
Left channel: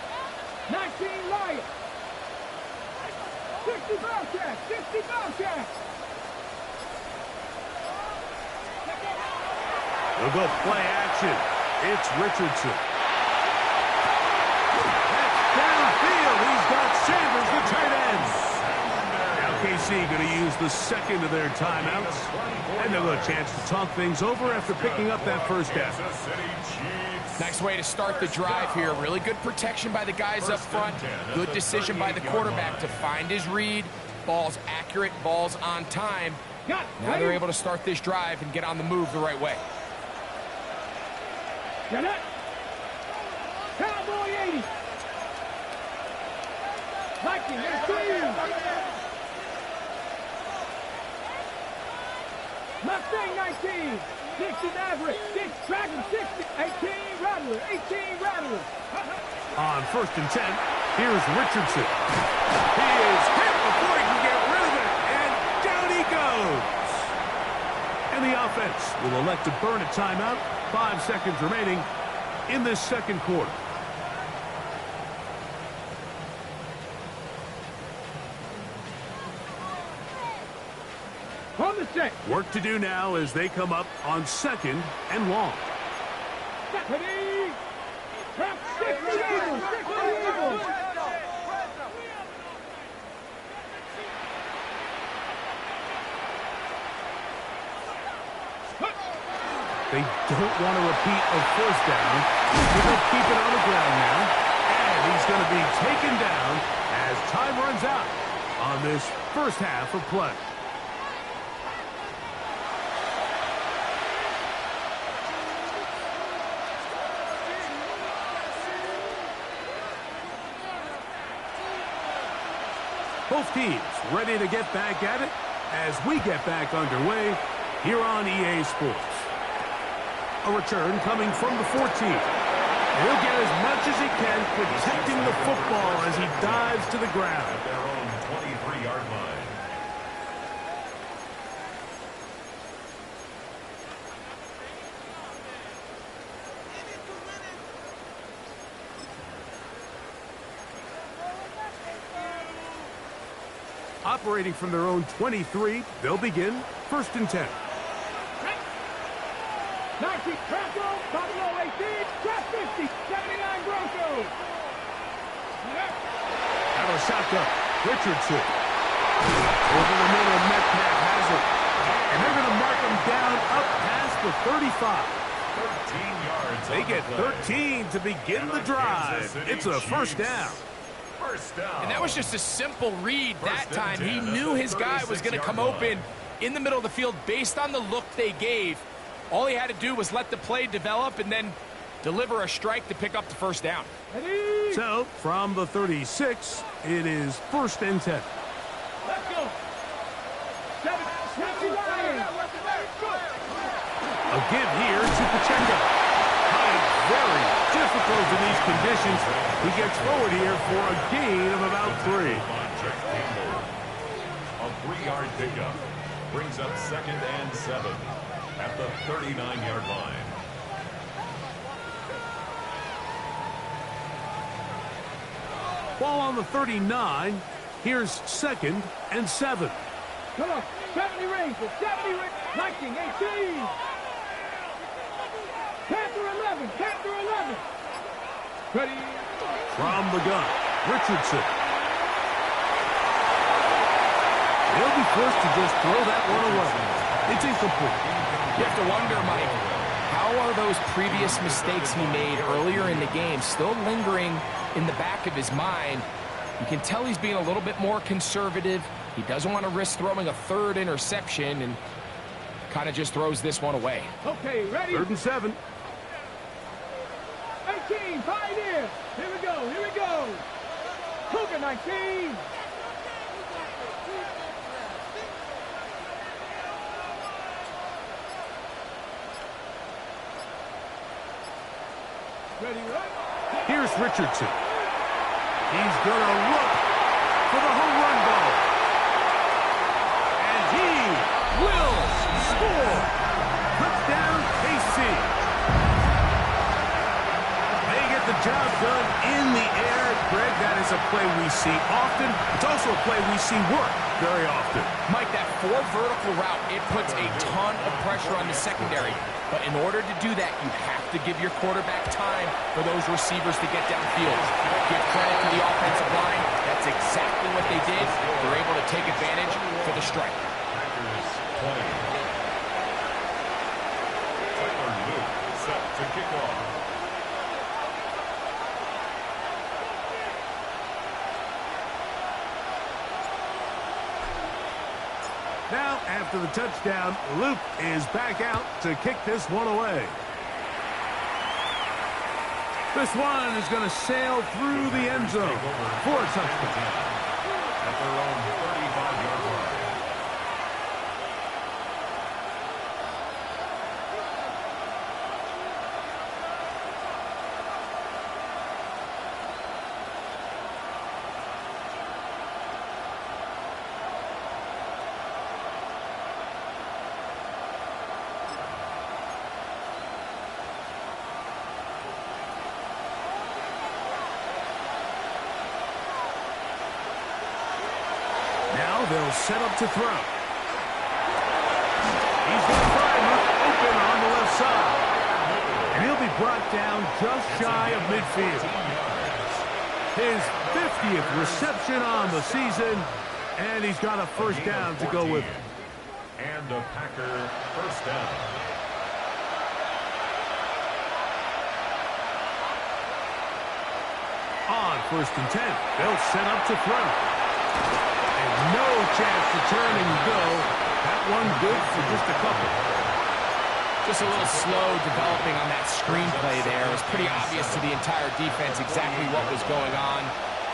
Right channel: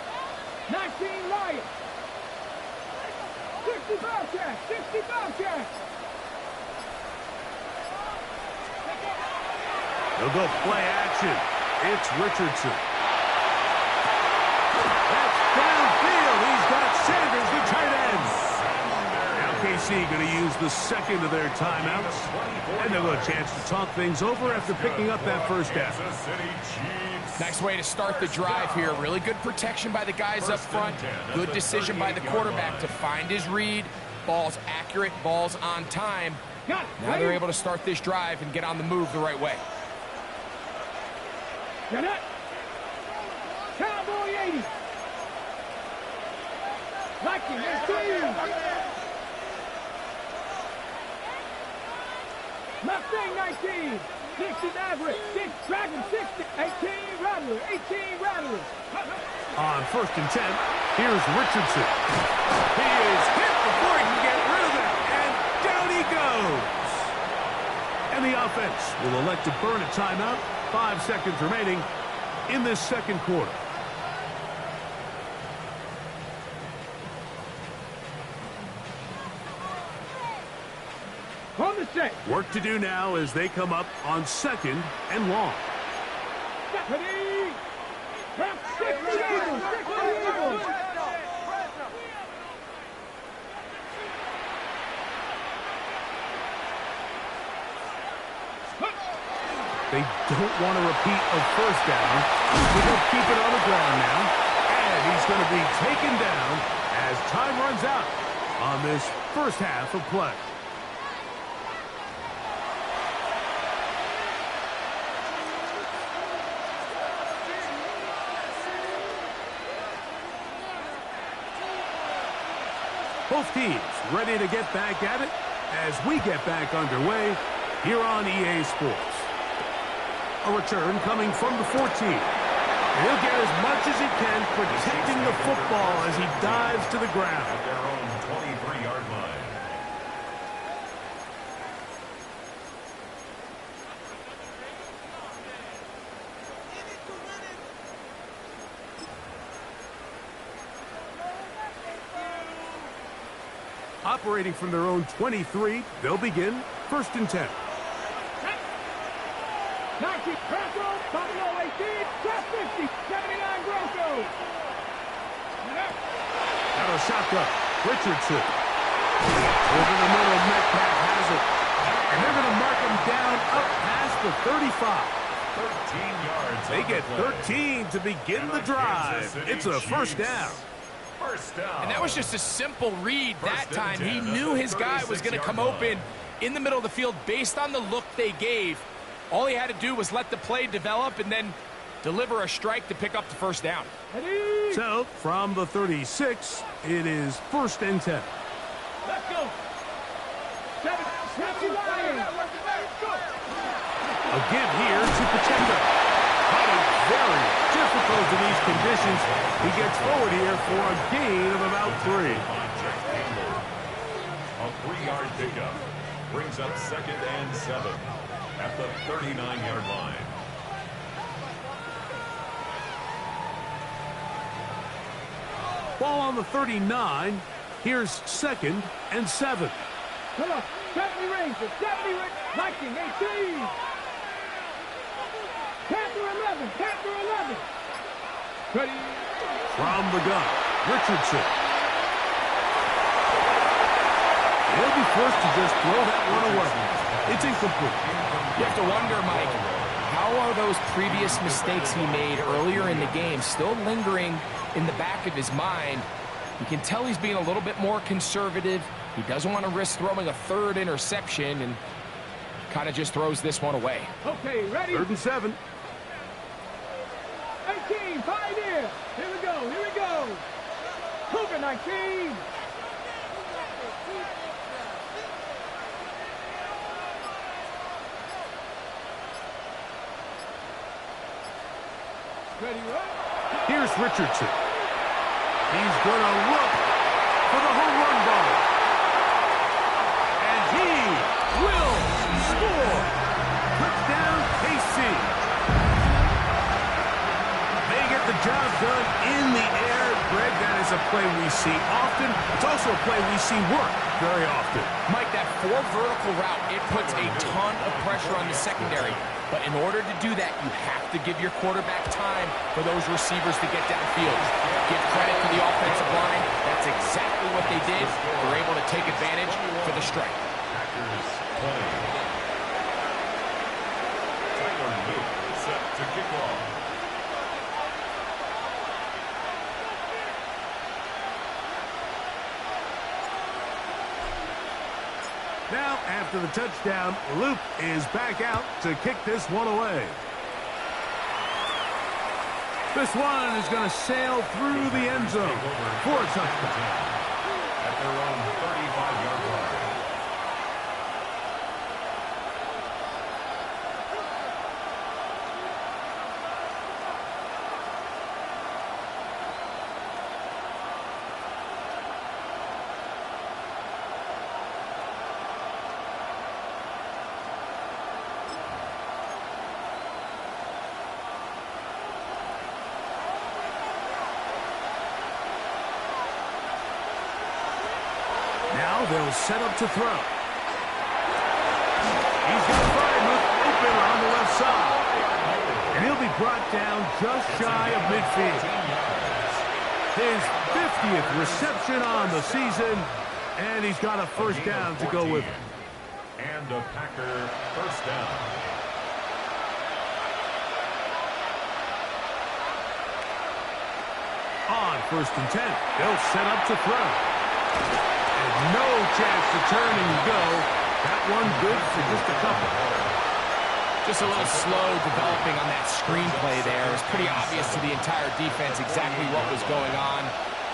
19 Lions. 60 Bobcats. They'll go play action. It's Richardson. That's downfield. He's got Sanders, the tight end. Now KC going to use the second of their timeouts. And they'll have a chance to talk things over after picking up that first down. Nice way to start the drive here. Really good protection by the guys up front. Good decision by the quarterback to find his read. Ball's accurate, ball's on time. Now they're able to start this drive and get on the move the right way. Get it. Cowboy 80. Viking 18. Mustang 19. 60 Maverick. Dragon 60. 18 Rattler. On 1st and 10, here's Richardson. He is hit before he can get rid of it, and down he goes. And the offense will elect to burn a timeout. 5 seconds remaining in this second quarter. On the set. Work to do now as they come up on 2nd and long. Ready? Trap 60 Eagles. 60 Eagles. They don't want to repeat a first down. They'll keep it on the ground now. And he's going to be taken down as time runs out on this first half of play. Both teams ready to get back at it as we get back underway here on EA Sports. A return coming from the 14. He'll get as much as he can, protecting the football as he dives to the ground. At their own 23-yard line. Operating from their own 23, they'll begin 1st and 10. 19 Bronco, Buffalo 18, trap 50, 79 Bronco. Out of shotgun, Richardson. Over the middle, Metcalf has it. And they're going to mark him down up past the 35. 13 yards. They get 13 to begin the drive. It's a first down. First down. And that was just a simple read that time. He knew his guy was going to come open in the middle of the field based on the look they gave. All he had to do was let the play develop and then deliver a strike to pick up the first down. So, from the 36, it is 1st and 10. Let's go. 7 Lions. A give here to Pacheco. Hunting very difficult in these conditions. He gets forward here for a gain of about 3. A 3-yard pickup brings up 2nd and 7 at the 39-yard line. Ball on the 39. Here's 2nd and 7. Come on. 70 Rangers. 70 Rangers. Viking 18. Panther 11. Ready. From the gun, Richardson. He'll be forced to just throw that one away. It's incomplete. You have to wonder, Mike, how are those previous mistakes he made earlier in the game still lingering in the back of his mind? You can tell he's being a little bit more conservative. He doesn't want to risk throwing a 3rd interception and kind of just throws this one away. Okay, ready? 3rd and 7. 18, Pioneer. Here we go. Cougar 19. Ready, right? Here's Richardson. He's going to look for the home run ball. And he will score. Touchdown, KC. They get the job done in the air. Greg, that is a play we see often. It's also a play we see work very often. Mike, that 4 vertical route, it puts a ton of pressure on the secondary. But in order to do that, you have to give your quarterback time for those receivers to get downfield. Give credit to the offensive line. That's exactly what they did. They're able to take advantage for the strike. Packers 20. Tyler Luke set to kick off. Now, after the touchdown, Luke is back out to kick this one away. This one is going to sail through the end zone for a touchdown. At their own 35-yard line. Now they'll set up to throw. He's going to find Luke open on the left side. And he'll be brought down just shy of midfield. His 50th reception on the season, and he's got a first down to go with it. And a Packer first down. On 1st and 10, they'll set up to throw. And no chance to turn and go. That one good for just a couple. Just a little slow developing on that screenplay there. It was pretty obvious to the entire defense exactly what was going on.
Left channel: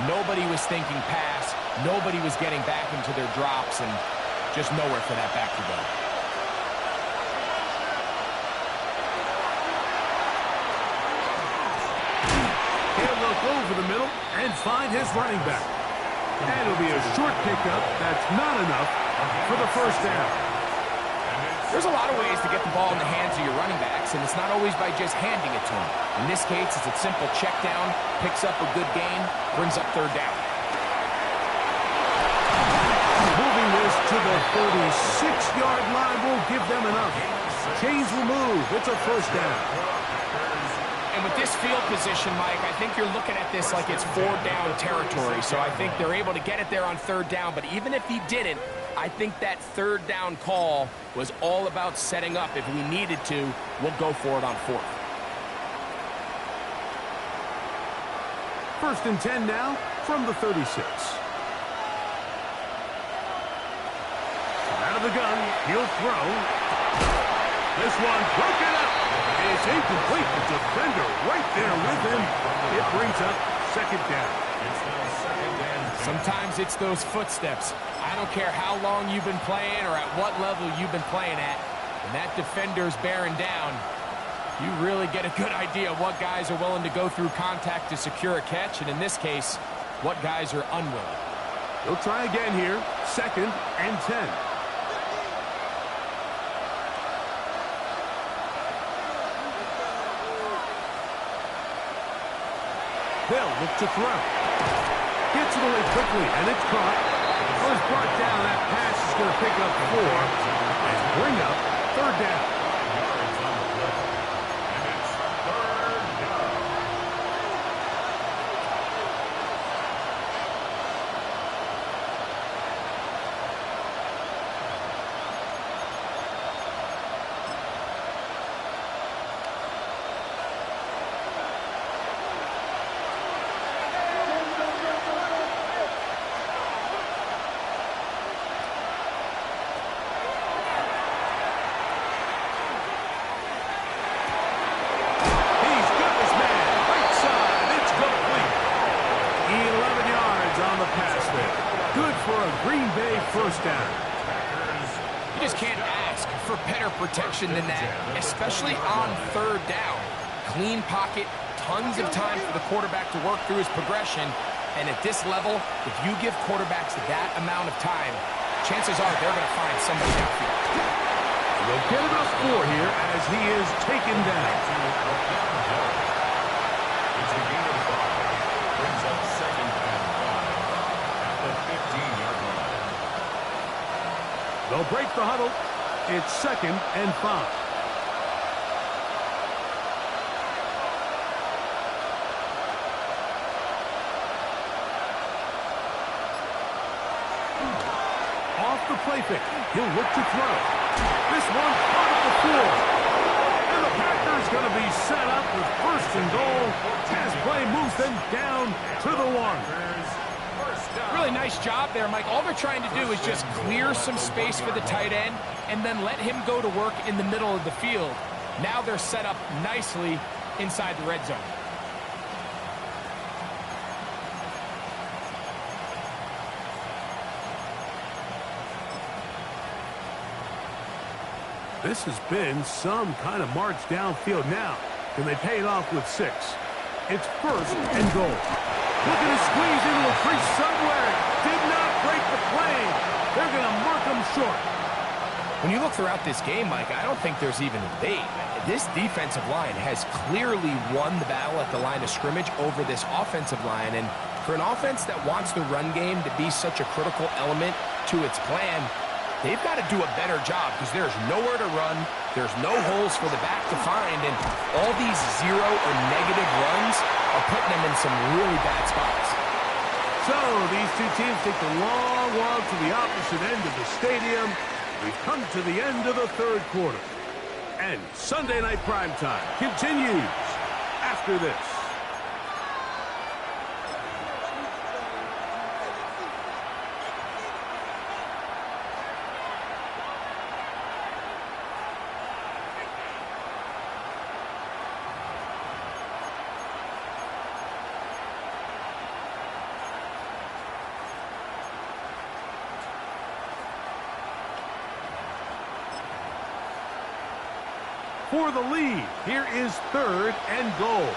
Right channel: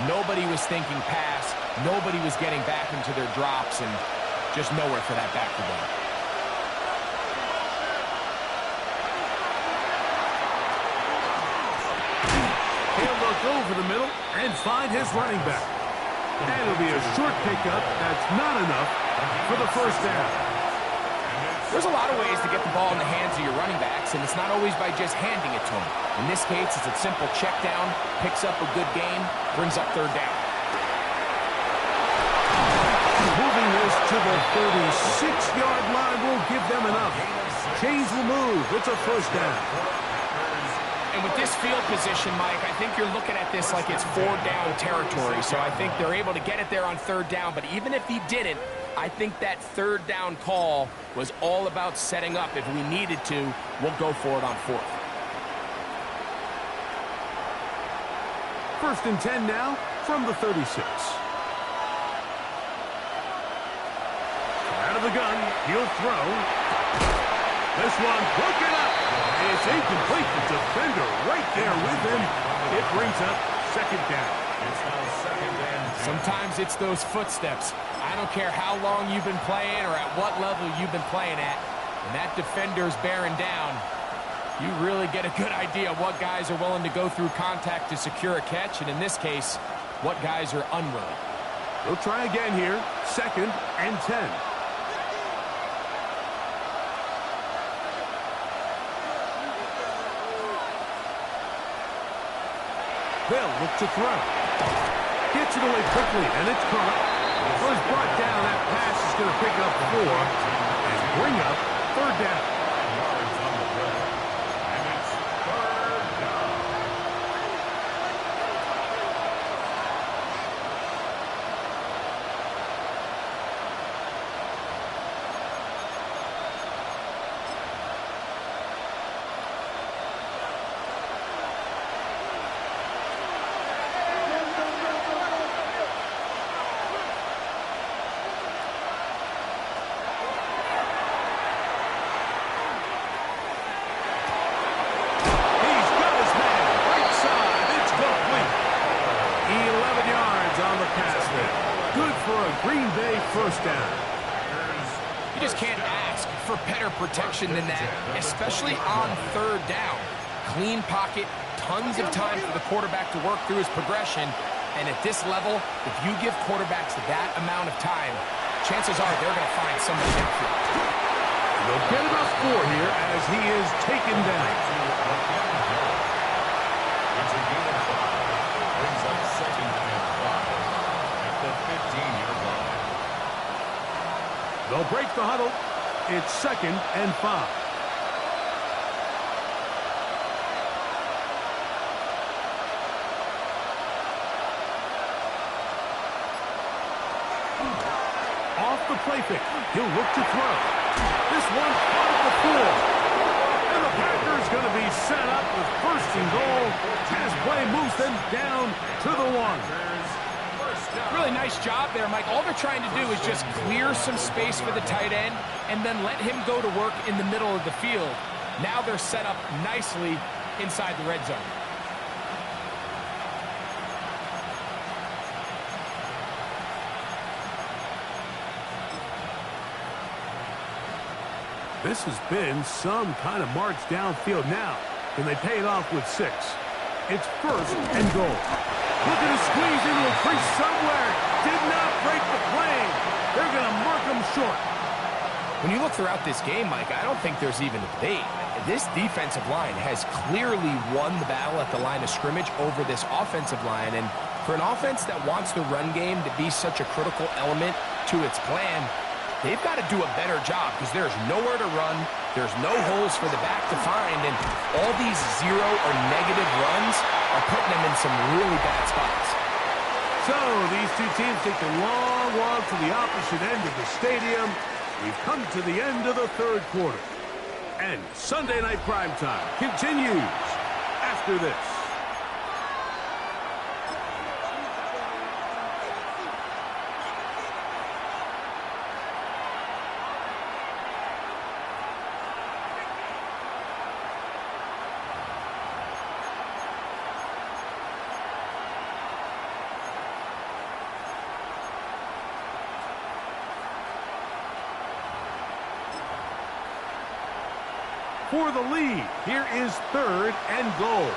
Nobody was thinking pass. Nobody was getting back into their drops, and just nowhere for that back to go. He'll look over the middle and find his running back. And it'll be a short pickup. That's not enough for the first down. There's a lot of ways to get the ball in the hands of your running backs, and it's not always by just handing it to them. In this case, it's a simple check down, picks up a good gain, brings up 3rd down. Moving this to the 36-yard line will give them enough. Chains will move. It's a first down. And with this field position, Mike, I think you're looking at this like it's 4-down territory. So I think they're able to get it there on 3rd down. But even if he didn't, I think that 3rd down call was all about setting up. If we needed to, we'll go for it on 4th. 1st and 10 now from the 36. Out of the gun, he'll throw. This one broken up. It's incomplete. The defender right there with him. It brings up 2nd down. It's now 2nd and 10. Sometimes it's those footsteps. I don't care how long you've been playing or at what level you've been playing at. When that defender's bearing down, you really get a good idea of what guys are willing to go through contact to secure a catch, and in this case, what guys are unwilling. They'll try again here. 2nd and 10. They'll look to throw. Gets it away quickly, and it's caught. Well, it's brought down. That pass is going to pick up 4 and bring up 3rd down. 5 yards on the play. And it's 3rd down. pass there. Good for a Green Bay first down. You just can't ask for better protection than that, especially on third down. Clean pocket, tons of time for the quarterback to work through his progression. And at this level, if you give quarterbacks that amount of time, chances are they're going to find somebody downfield. They'll get about 4 here as he is taken down. It's a gain of 5. Brings up 2nd and 5 at the 15-yard line. They'll break the huddle. It's 2nd and 5. Off the play fake. He'll look to throw. This one caught at the 4. And the Packers going to be set up with 1st and goal. Pass play moves them down to the 1. Really nice job there, Mike. All they're trying to do is just clear some space for the tight end and then let him go to work in the middle of the field. Now they're set up nicely inside the red zone. This has been some kind of march downfield now. Can they pay it off with 6? It's 1st and goal. Looking to squeeze into a crease somewhere. Did not break the plane. They're going to mark him short. When you look throughout this game, Mike, I don't think there's even a debate. This defensive line has clearly won the battle at the line of scrimmage over this offensive line. And for an offense that wants the run game to be such a critical element to its plan, they've got to do a better job because there's nowhere to run. There's no holes for the back to find. And all these 0 or negative runs are putting them in some really bad spots. So these two teams take the long walk to the opposite end of the stadium. We've come to the end of the 3rd quarter. And Sunday Night Primetime continues after this. For the lead, here is 3rd and goal.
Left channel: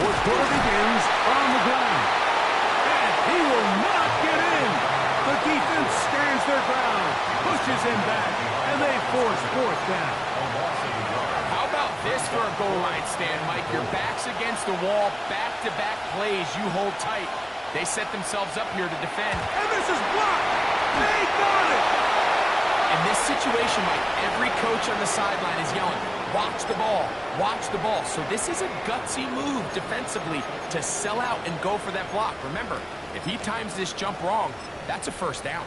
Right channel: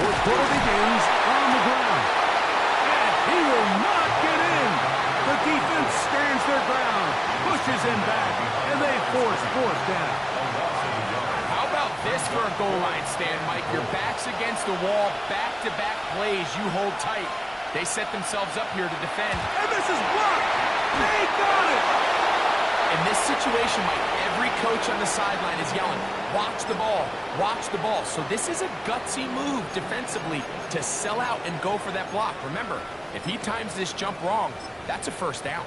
Fourth quarter begins on the ground. And he will not get in. The defense stands their ground, pushes him back, and they force 4th down. How about this for a goal line stand, Mike? Your back's against the wall, back-to-back plays you hold tight. They set themselves up here to defend. And this is blocked. They got it. In this situation, Mike, every coach on the sideline is yelling, watch the ball, watch the ball. So this is a gutsy move defensively to sell out and go for that block. Remember, if he times this jump wrong, that's a 1st down.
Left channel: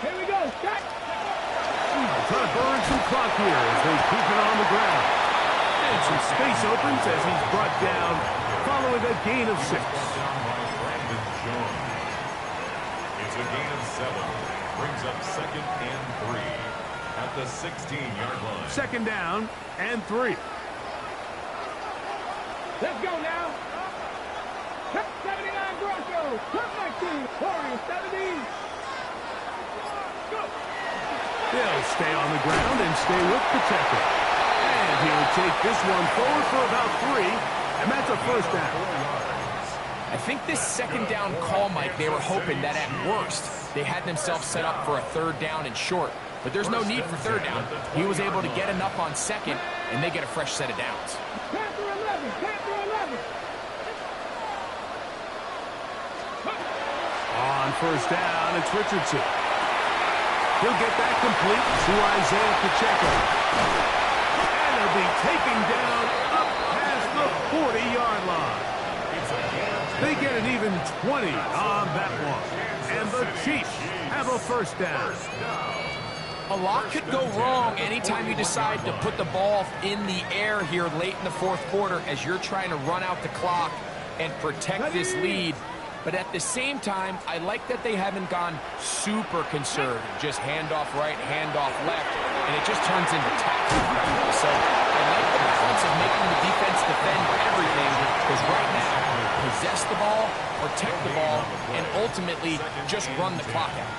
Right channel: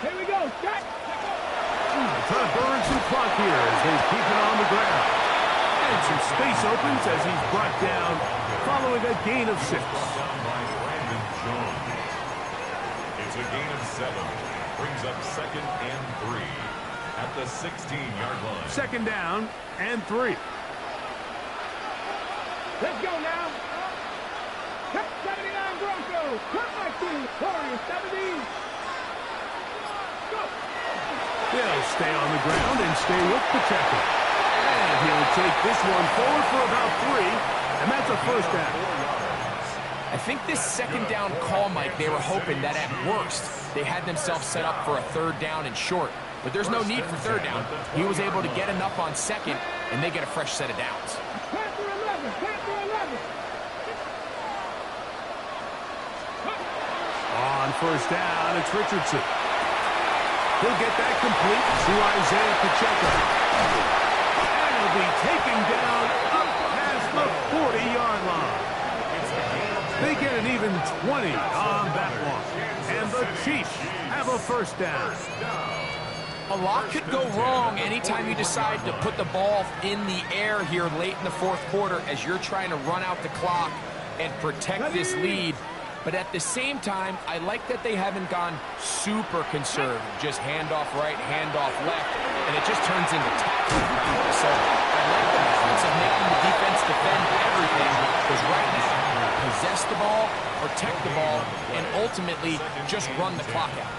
Here we go. Shot. Trying to burn some clock here as they keep it on the ground. And some space opens as he's brought down following a gain of 6. Down by Brandon Jones. It's a gain of 7. Brings up 2nd and 3 at the 16-yard line. 2nd down and 3. Let's go now. Cut 79 Broncos. Cut 19. Warriors 70. Go. He'll stay on the ground and stay with Pacheco. And he'll take this one forward for about 3, and that's a 1st down. I think this 2nd down call, Mike, they were hoping that at worst they had themselves set up for a 3rd down and short. But there's no need for 3rd down. He was able to get enough on 2nd, and they get a fresh set of downs. Panther 11. Panther 11. On 1st down, it's Richardson. He'll get that complete to Isaiah Pacheco. And he'll be taken down up past the 40-yard line. They get an even 20 on that one. And the Chiefs have a 1st down. A lot could go wrong anytime you decide to put the ball in the air here late in the 4th quarter as you're trying to run out the clock and protect this lead. But at the same time, I like that they haven't gone super conservative. Just handoff right, handoff left, and it just turns into tackling practice. So I like the balance of making the defense defend everything, because right now, possess the ball, protect the ball, and ultimately just run the clock out.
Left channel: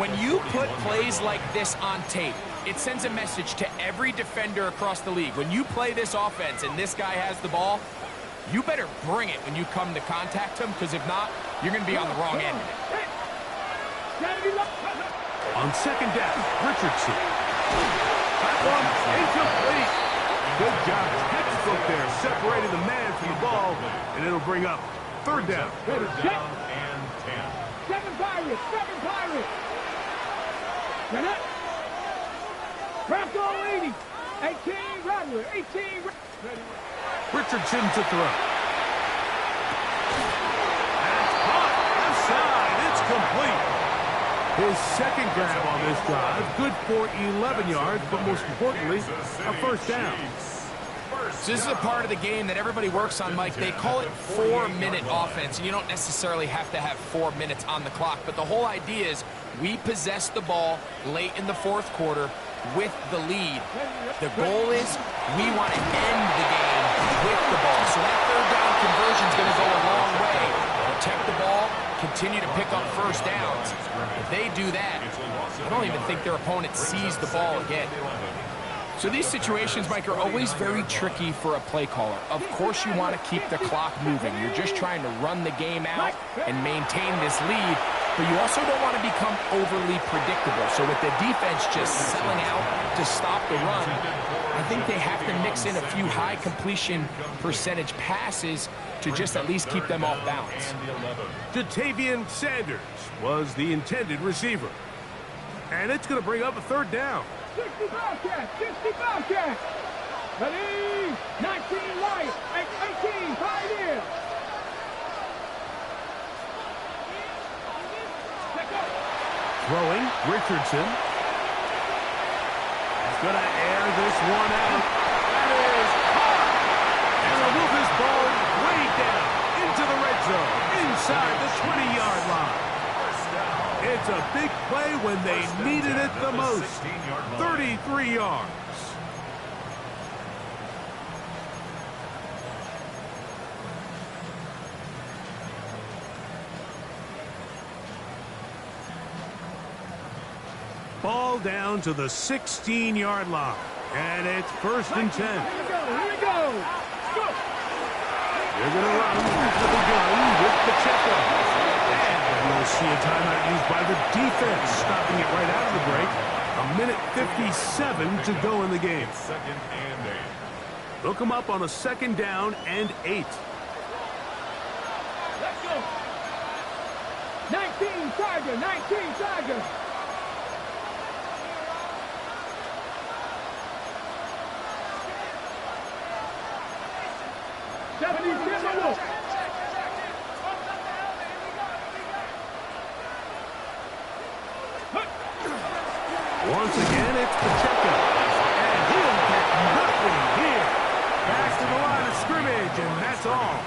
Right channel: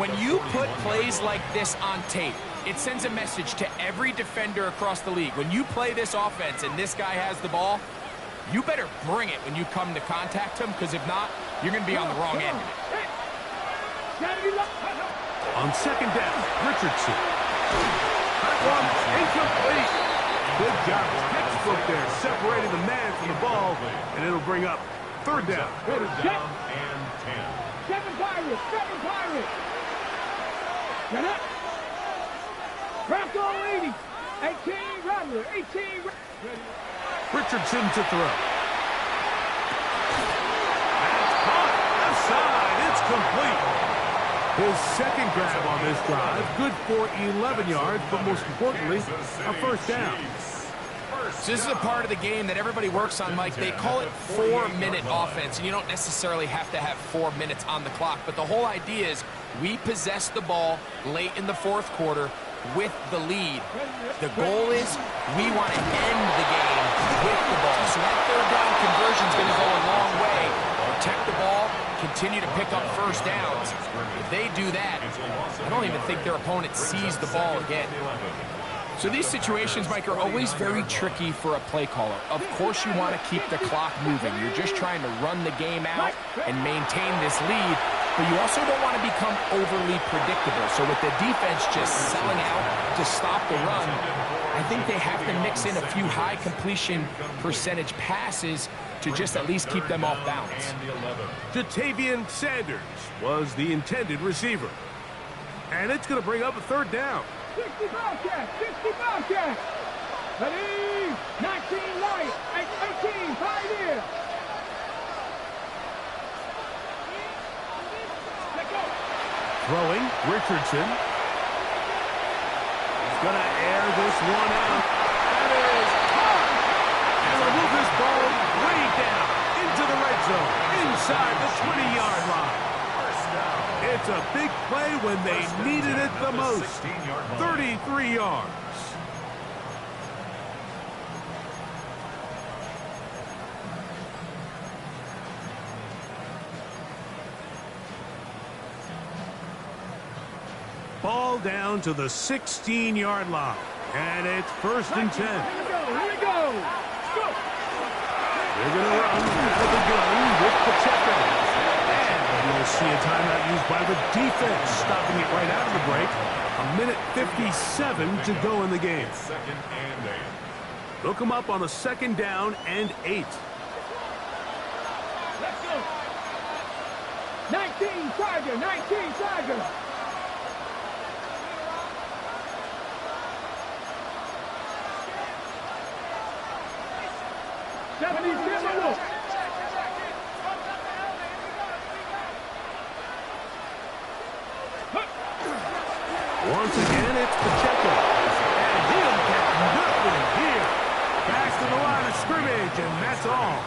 When you put plays like this on tape, it sends a message to every defender across the league. When you play this offense and this guy has the ball, you better bring it when you come to contact him, because if not, you're going to be on the wrong end of it. On second down, Richardson. That one incomplete. Good job, textbook there, separating the man from the ball, and it'll bring up third down. Third down and 10. Seven Pirates. Get up. Bronco 80. 18 Rattler. 18. Richardson to throw. That's caught. Left side. It's complete. His second grab on this drive. Good for 11 yards, but most importantly, a first down. So this is a part of the game that everybody works on, Mike. They call it 4-minute offense, and you don't necessarily have to have 4 minutes on the clock. But the whole idea is we possess the ball late in the fourth quarter with the lead. The goal is we want to end the game with the ball. So that third down conversion is going to go a long way. Protect the ball, continue to pick up first downs. If they do that, I don't even think their opponent sees the ball again. So these situations, Mike, are always very tricky for a play caller. Of course you want to keep the clock moving. You're just trying to run the game out and maintain this lead, but you also don't want to become overly predictable. So with the defense just selling out to stop the run, I think they have to mix in a few high completion percentage passes to just at least keep them off balance. Jatavian Sanders was the intended receiver. And it's going to bring up a third down. 60 Bobcats. Ready? 19 Lions. 18 Pioneer. Let go. Throwing, Richardson. He's going to air this one out. That is hard. And they'll move this ball way down into the red zone, inside the 20-yard line. It's a big play when they needed it the most. 33 yards. Ball down to the 16-yard line. And it's first and 10. Here we go. They're going to run out of the gun with Pacheco. And we'll see a timeout used by the defense, stopping it right out of the break. 1:57 to go in the game. Second and 8. They'll come up on a second down and 8. Let's go. 19 Tiger. 70 Timberwolves. Once again, it's Pacheco. And he'll get nothing here. Back to the line of scrimmage, and that's all.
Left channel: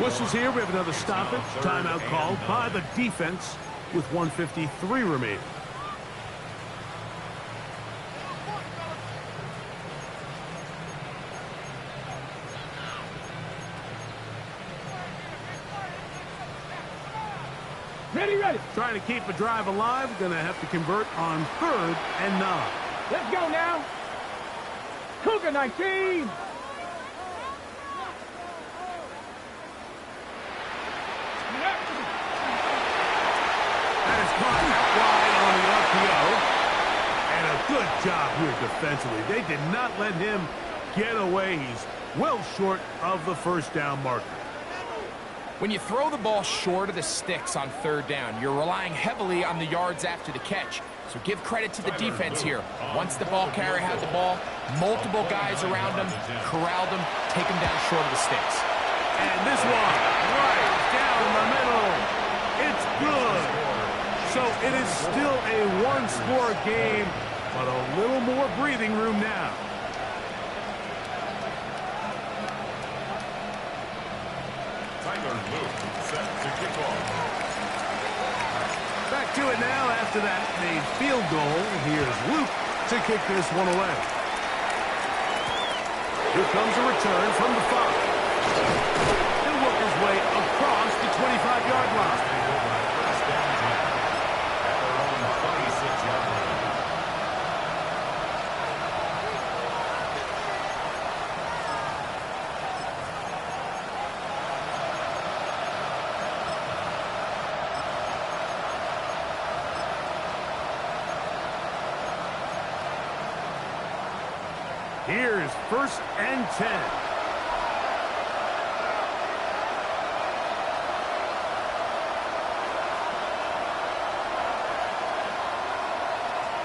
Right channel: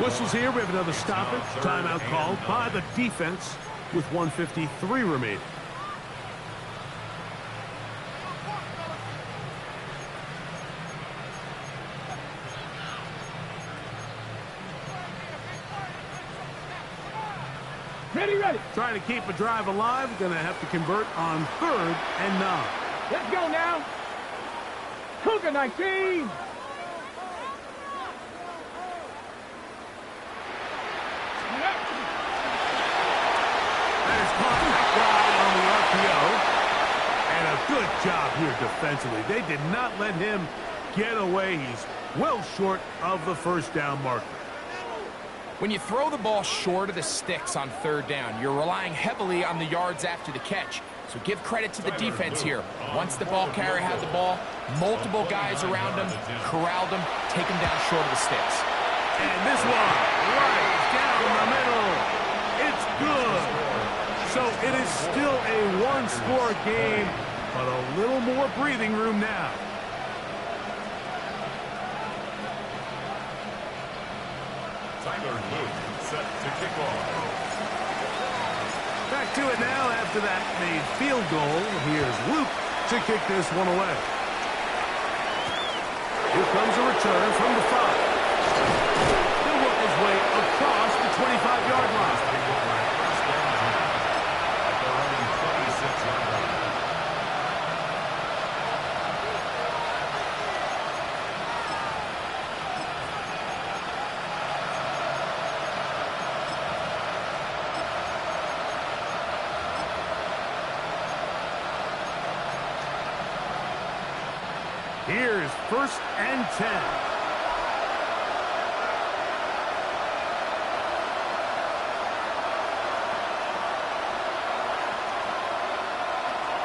Whistles here. We have another stoppage. Timeout called by the defense with 1:53 remaining. Ready. Trying to keep a drive alive. Going to have to convert on 3rd and 9. Let's go now. Cougar 19. That is caught out wide on the RPO. And a good job here defensively. They did not let him get away. He's well short of the first down marker. When you throw the ball short of the sticks on 3rd down, you're relying heavily on the yards after the catch. So give credit to the defense here. Once the ball carrier had the ball, multiple guys around him, corralled him, take him down short of the sticks. And this one, right down the middle. It's good. So it is still a one-score game, but a little more breathing room now. Tyler Luke set to kick off. Back to it now after that made field goal. Here's Luke to kick this one away. Here comes a return from the 5. He'll work his way across the 25-yard line. They go by first and 10 at their own 26-yard line. Here's first and 10.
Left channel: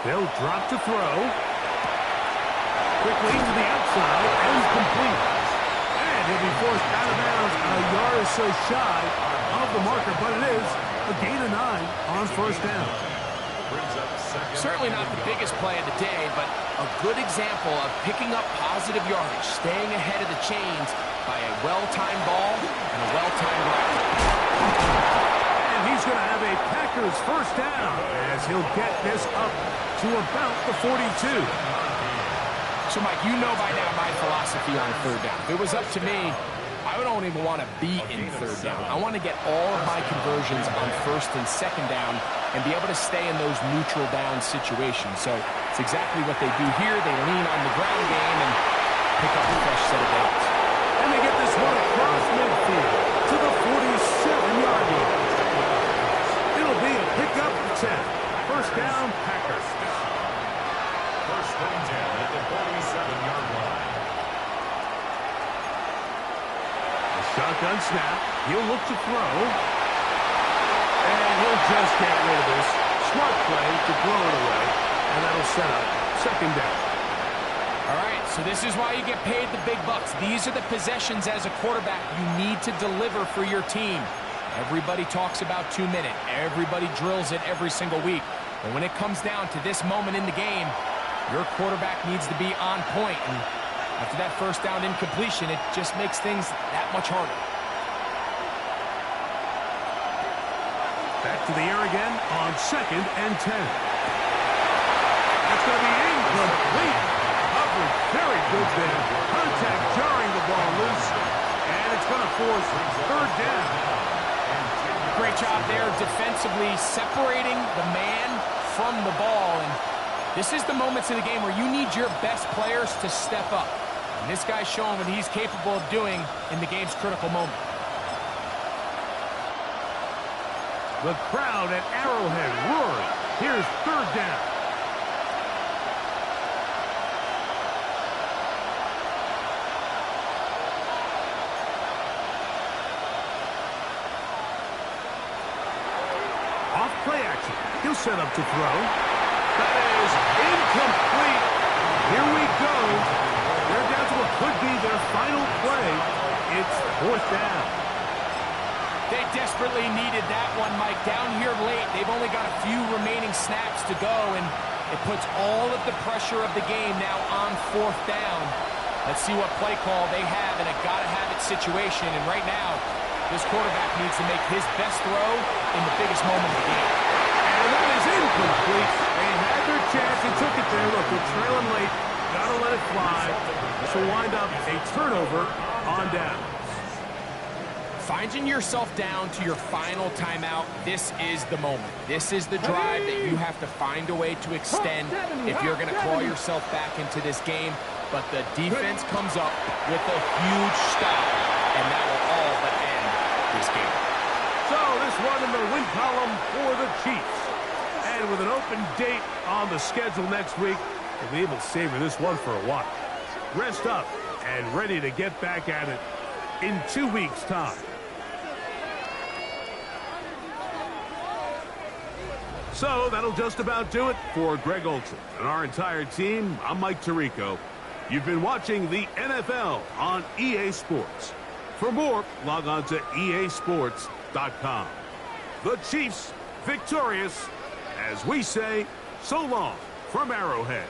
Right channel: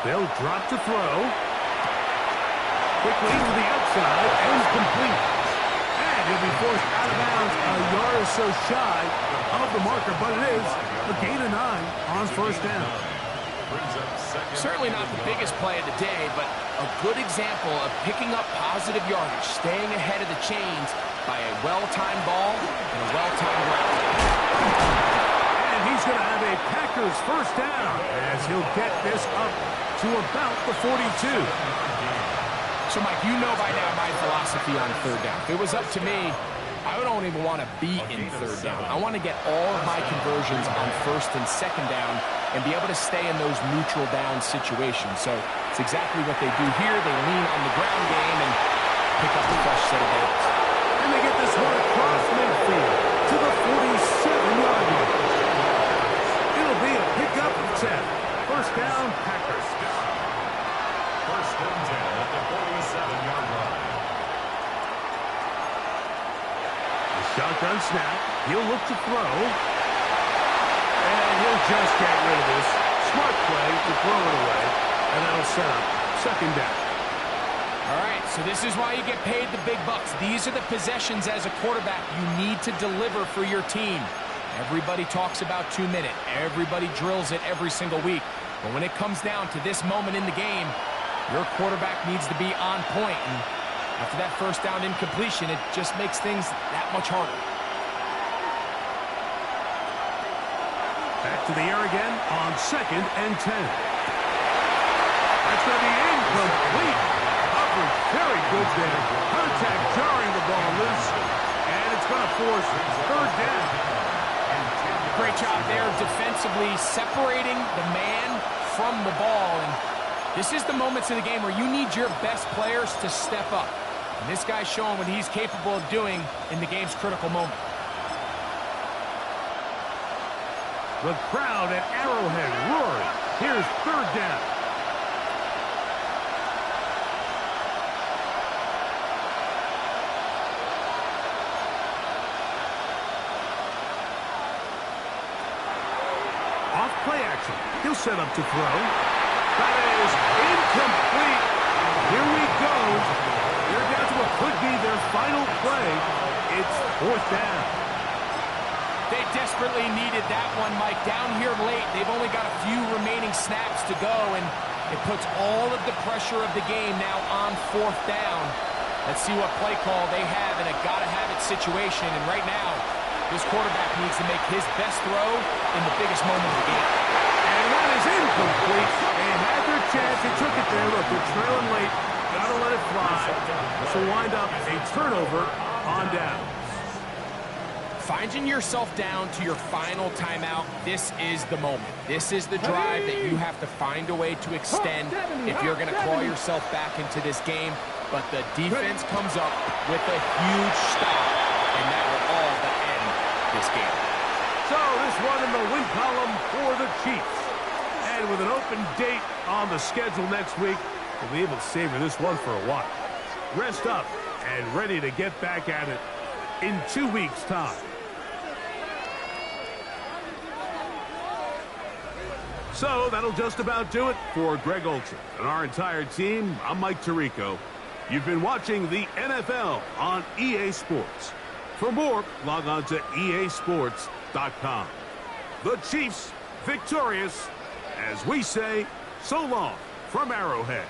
They'll drop to throw. Quickly to the outside and complete. And he'll be forced out of bounds a yard or so shy of the marker, but it is a gain of 9 on first down. Certainly not the biggest play of the day, but a good example of picking up positive yardage, staying ahead of the chains by a well-timed ball and a well-timed route. And he's going to have a Packers first down as he'll get this up to about the 42. So, Mike, you know by now my philosophy on third down. If it was up to me, I don't even want to be in third down. I want to get all of my conversions on first and second down and be able to stay in those neutral down situations. So it's exactly what they do here. They lean on the ground game and pick up a fresh set of downs. And they get this one across midfield to the 47-yard line. It'll be a pickup of 10. First down, Packers. First and 10 at the 47-yard line. The shotgun snap. He'll look to throw. And he'll just get rid of this. Smart play to throw it away. And that'll set up second down. All right, so this is why you get paid the big bucks. These are the possessions as a quarterback you need to deliver for your team. Everybody talks about 2-minute. Everybody drills it every single week. But when it comes down to this moment in the game, your quarterback needs to be on point. And after that first down incompletion, it just makes things that much harder. Back to the air again on second and 10. That's going to be incomplete. Coverage very good there. Contact jarring the ball loose. And it's going to force third down. Great job there defensively, separating the man from the ball. And this is the moments of the game where you need your best players to step up. And this guy's showing what he's capable of doing in the game's critical moment. The crowd at Arrowhead roaring. Here's third down. Off play action. He'll set up to throw. That is incomplete. Here we go. They're down to what could be their final play. It's fourth down. They desperately needed that one, Mike. Down here late, they've only got a few remaining snaps to go, and it puts all of the pressure of the game now on fourth down. Let's see what play call they have in a gotta-have-it situation, and right now, this quarterback needs to make his best throw in the biggest moment of the game. And that is incomplete. They had their chance. They took it there. Look, they're trailing late. Gotta let it fly. So wind up a turnover on down. Finding yourself down to your final timeout, this is the moment. This is the drive that you have to find a way to extend if you're going to claw yourself back into this game. But the defense comes up with a huge stop, and that will all but end this game. So this one in the win column for the Chiefs. And with an open date on the schedule next week, we'll be able to savor this one for a while. Rest up and ready to get back at it in 2 weeks' time. So that'll just about do it for Greg Olson and our entire team. I'm Mike Tirico. You've been watching the NFL on EA Sports. For more, log on to easports.com. The Chiefs victorious, as we say, so long from Arrowhead.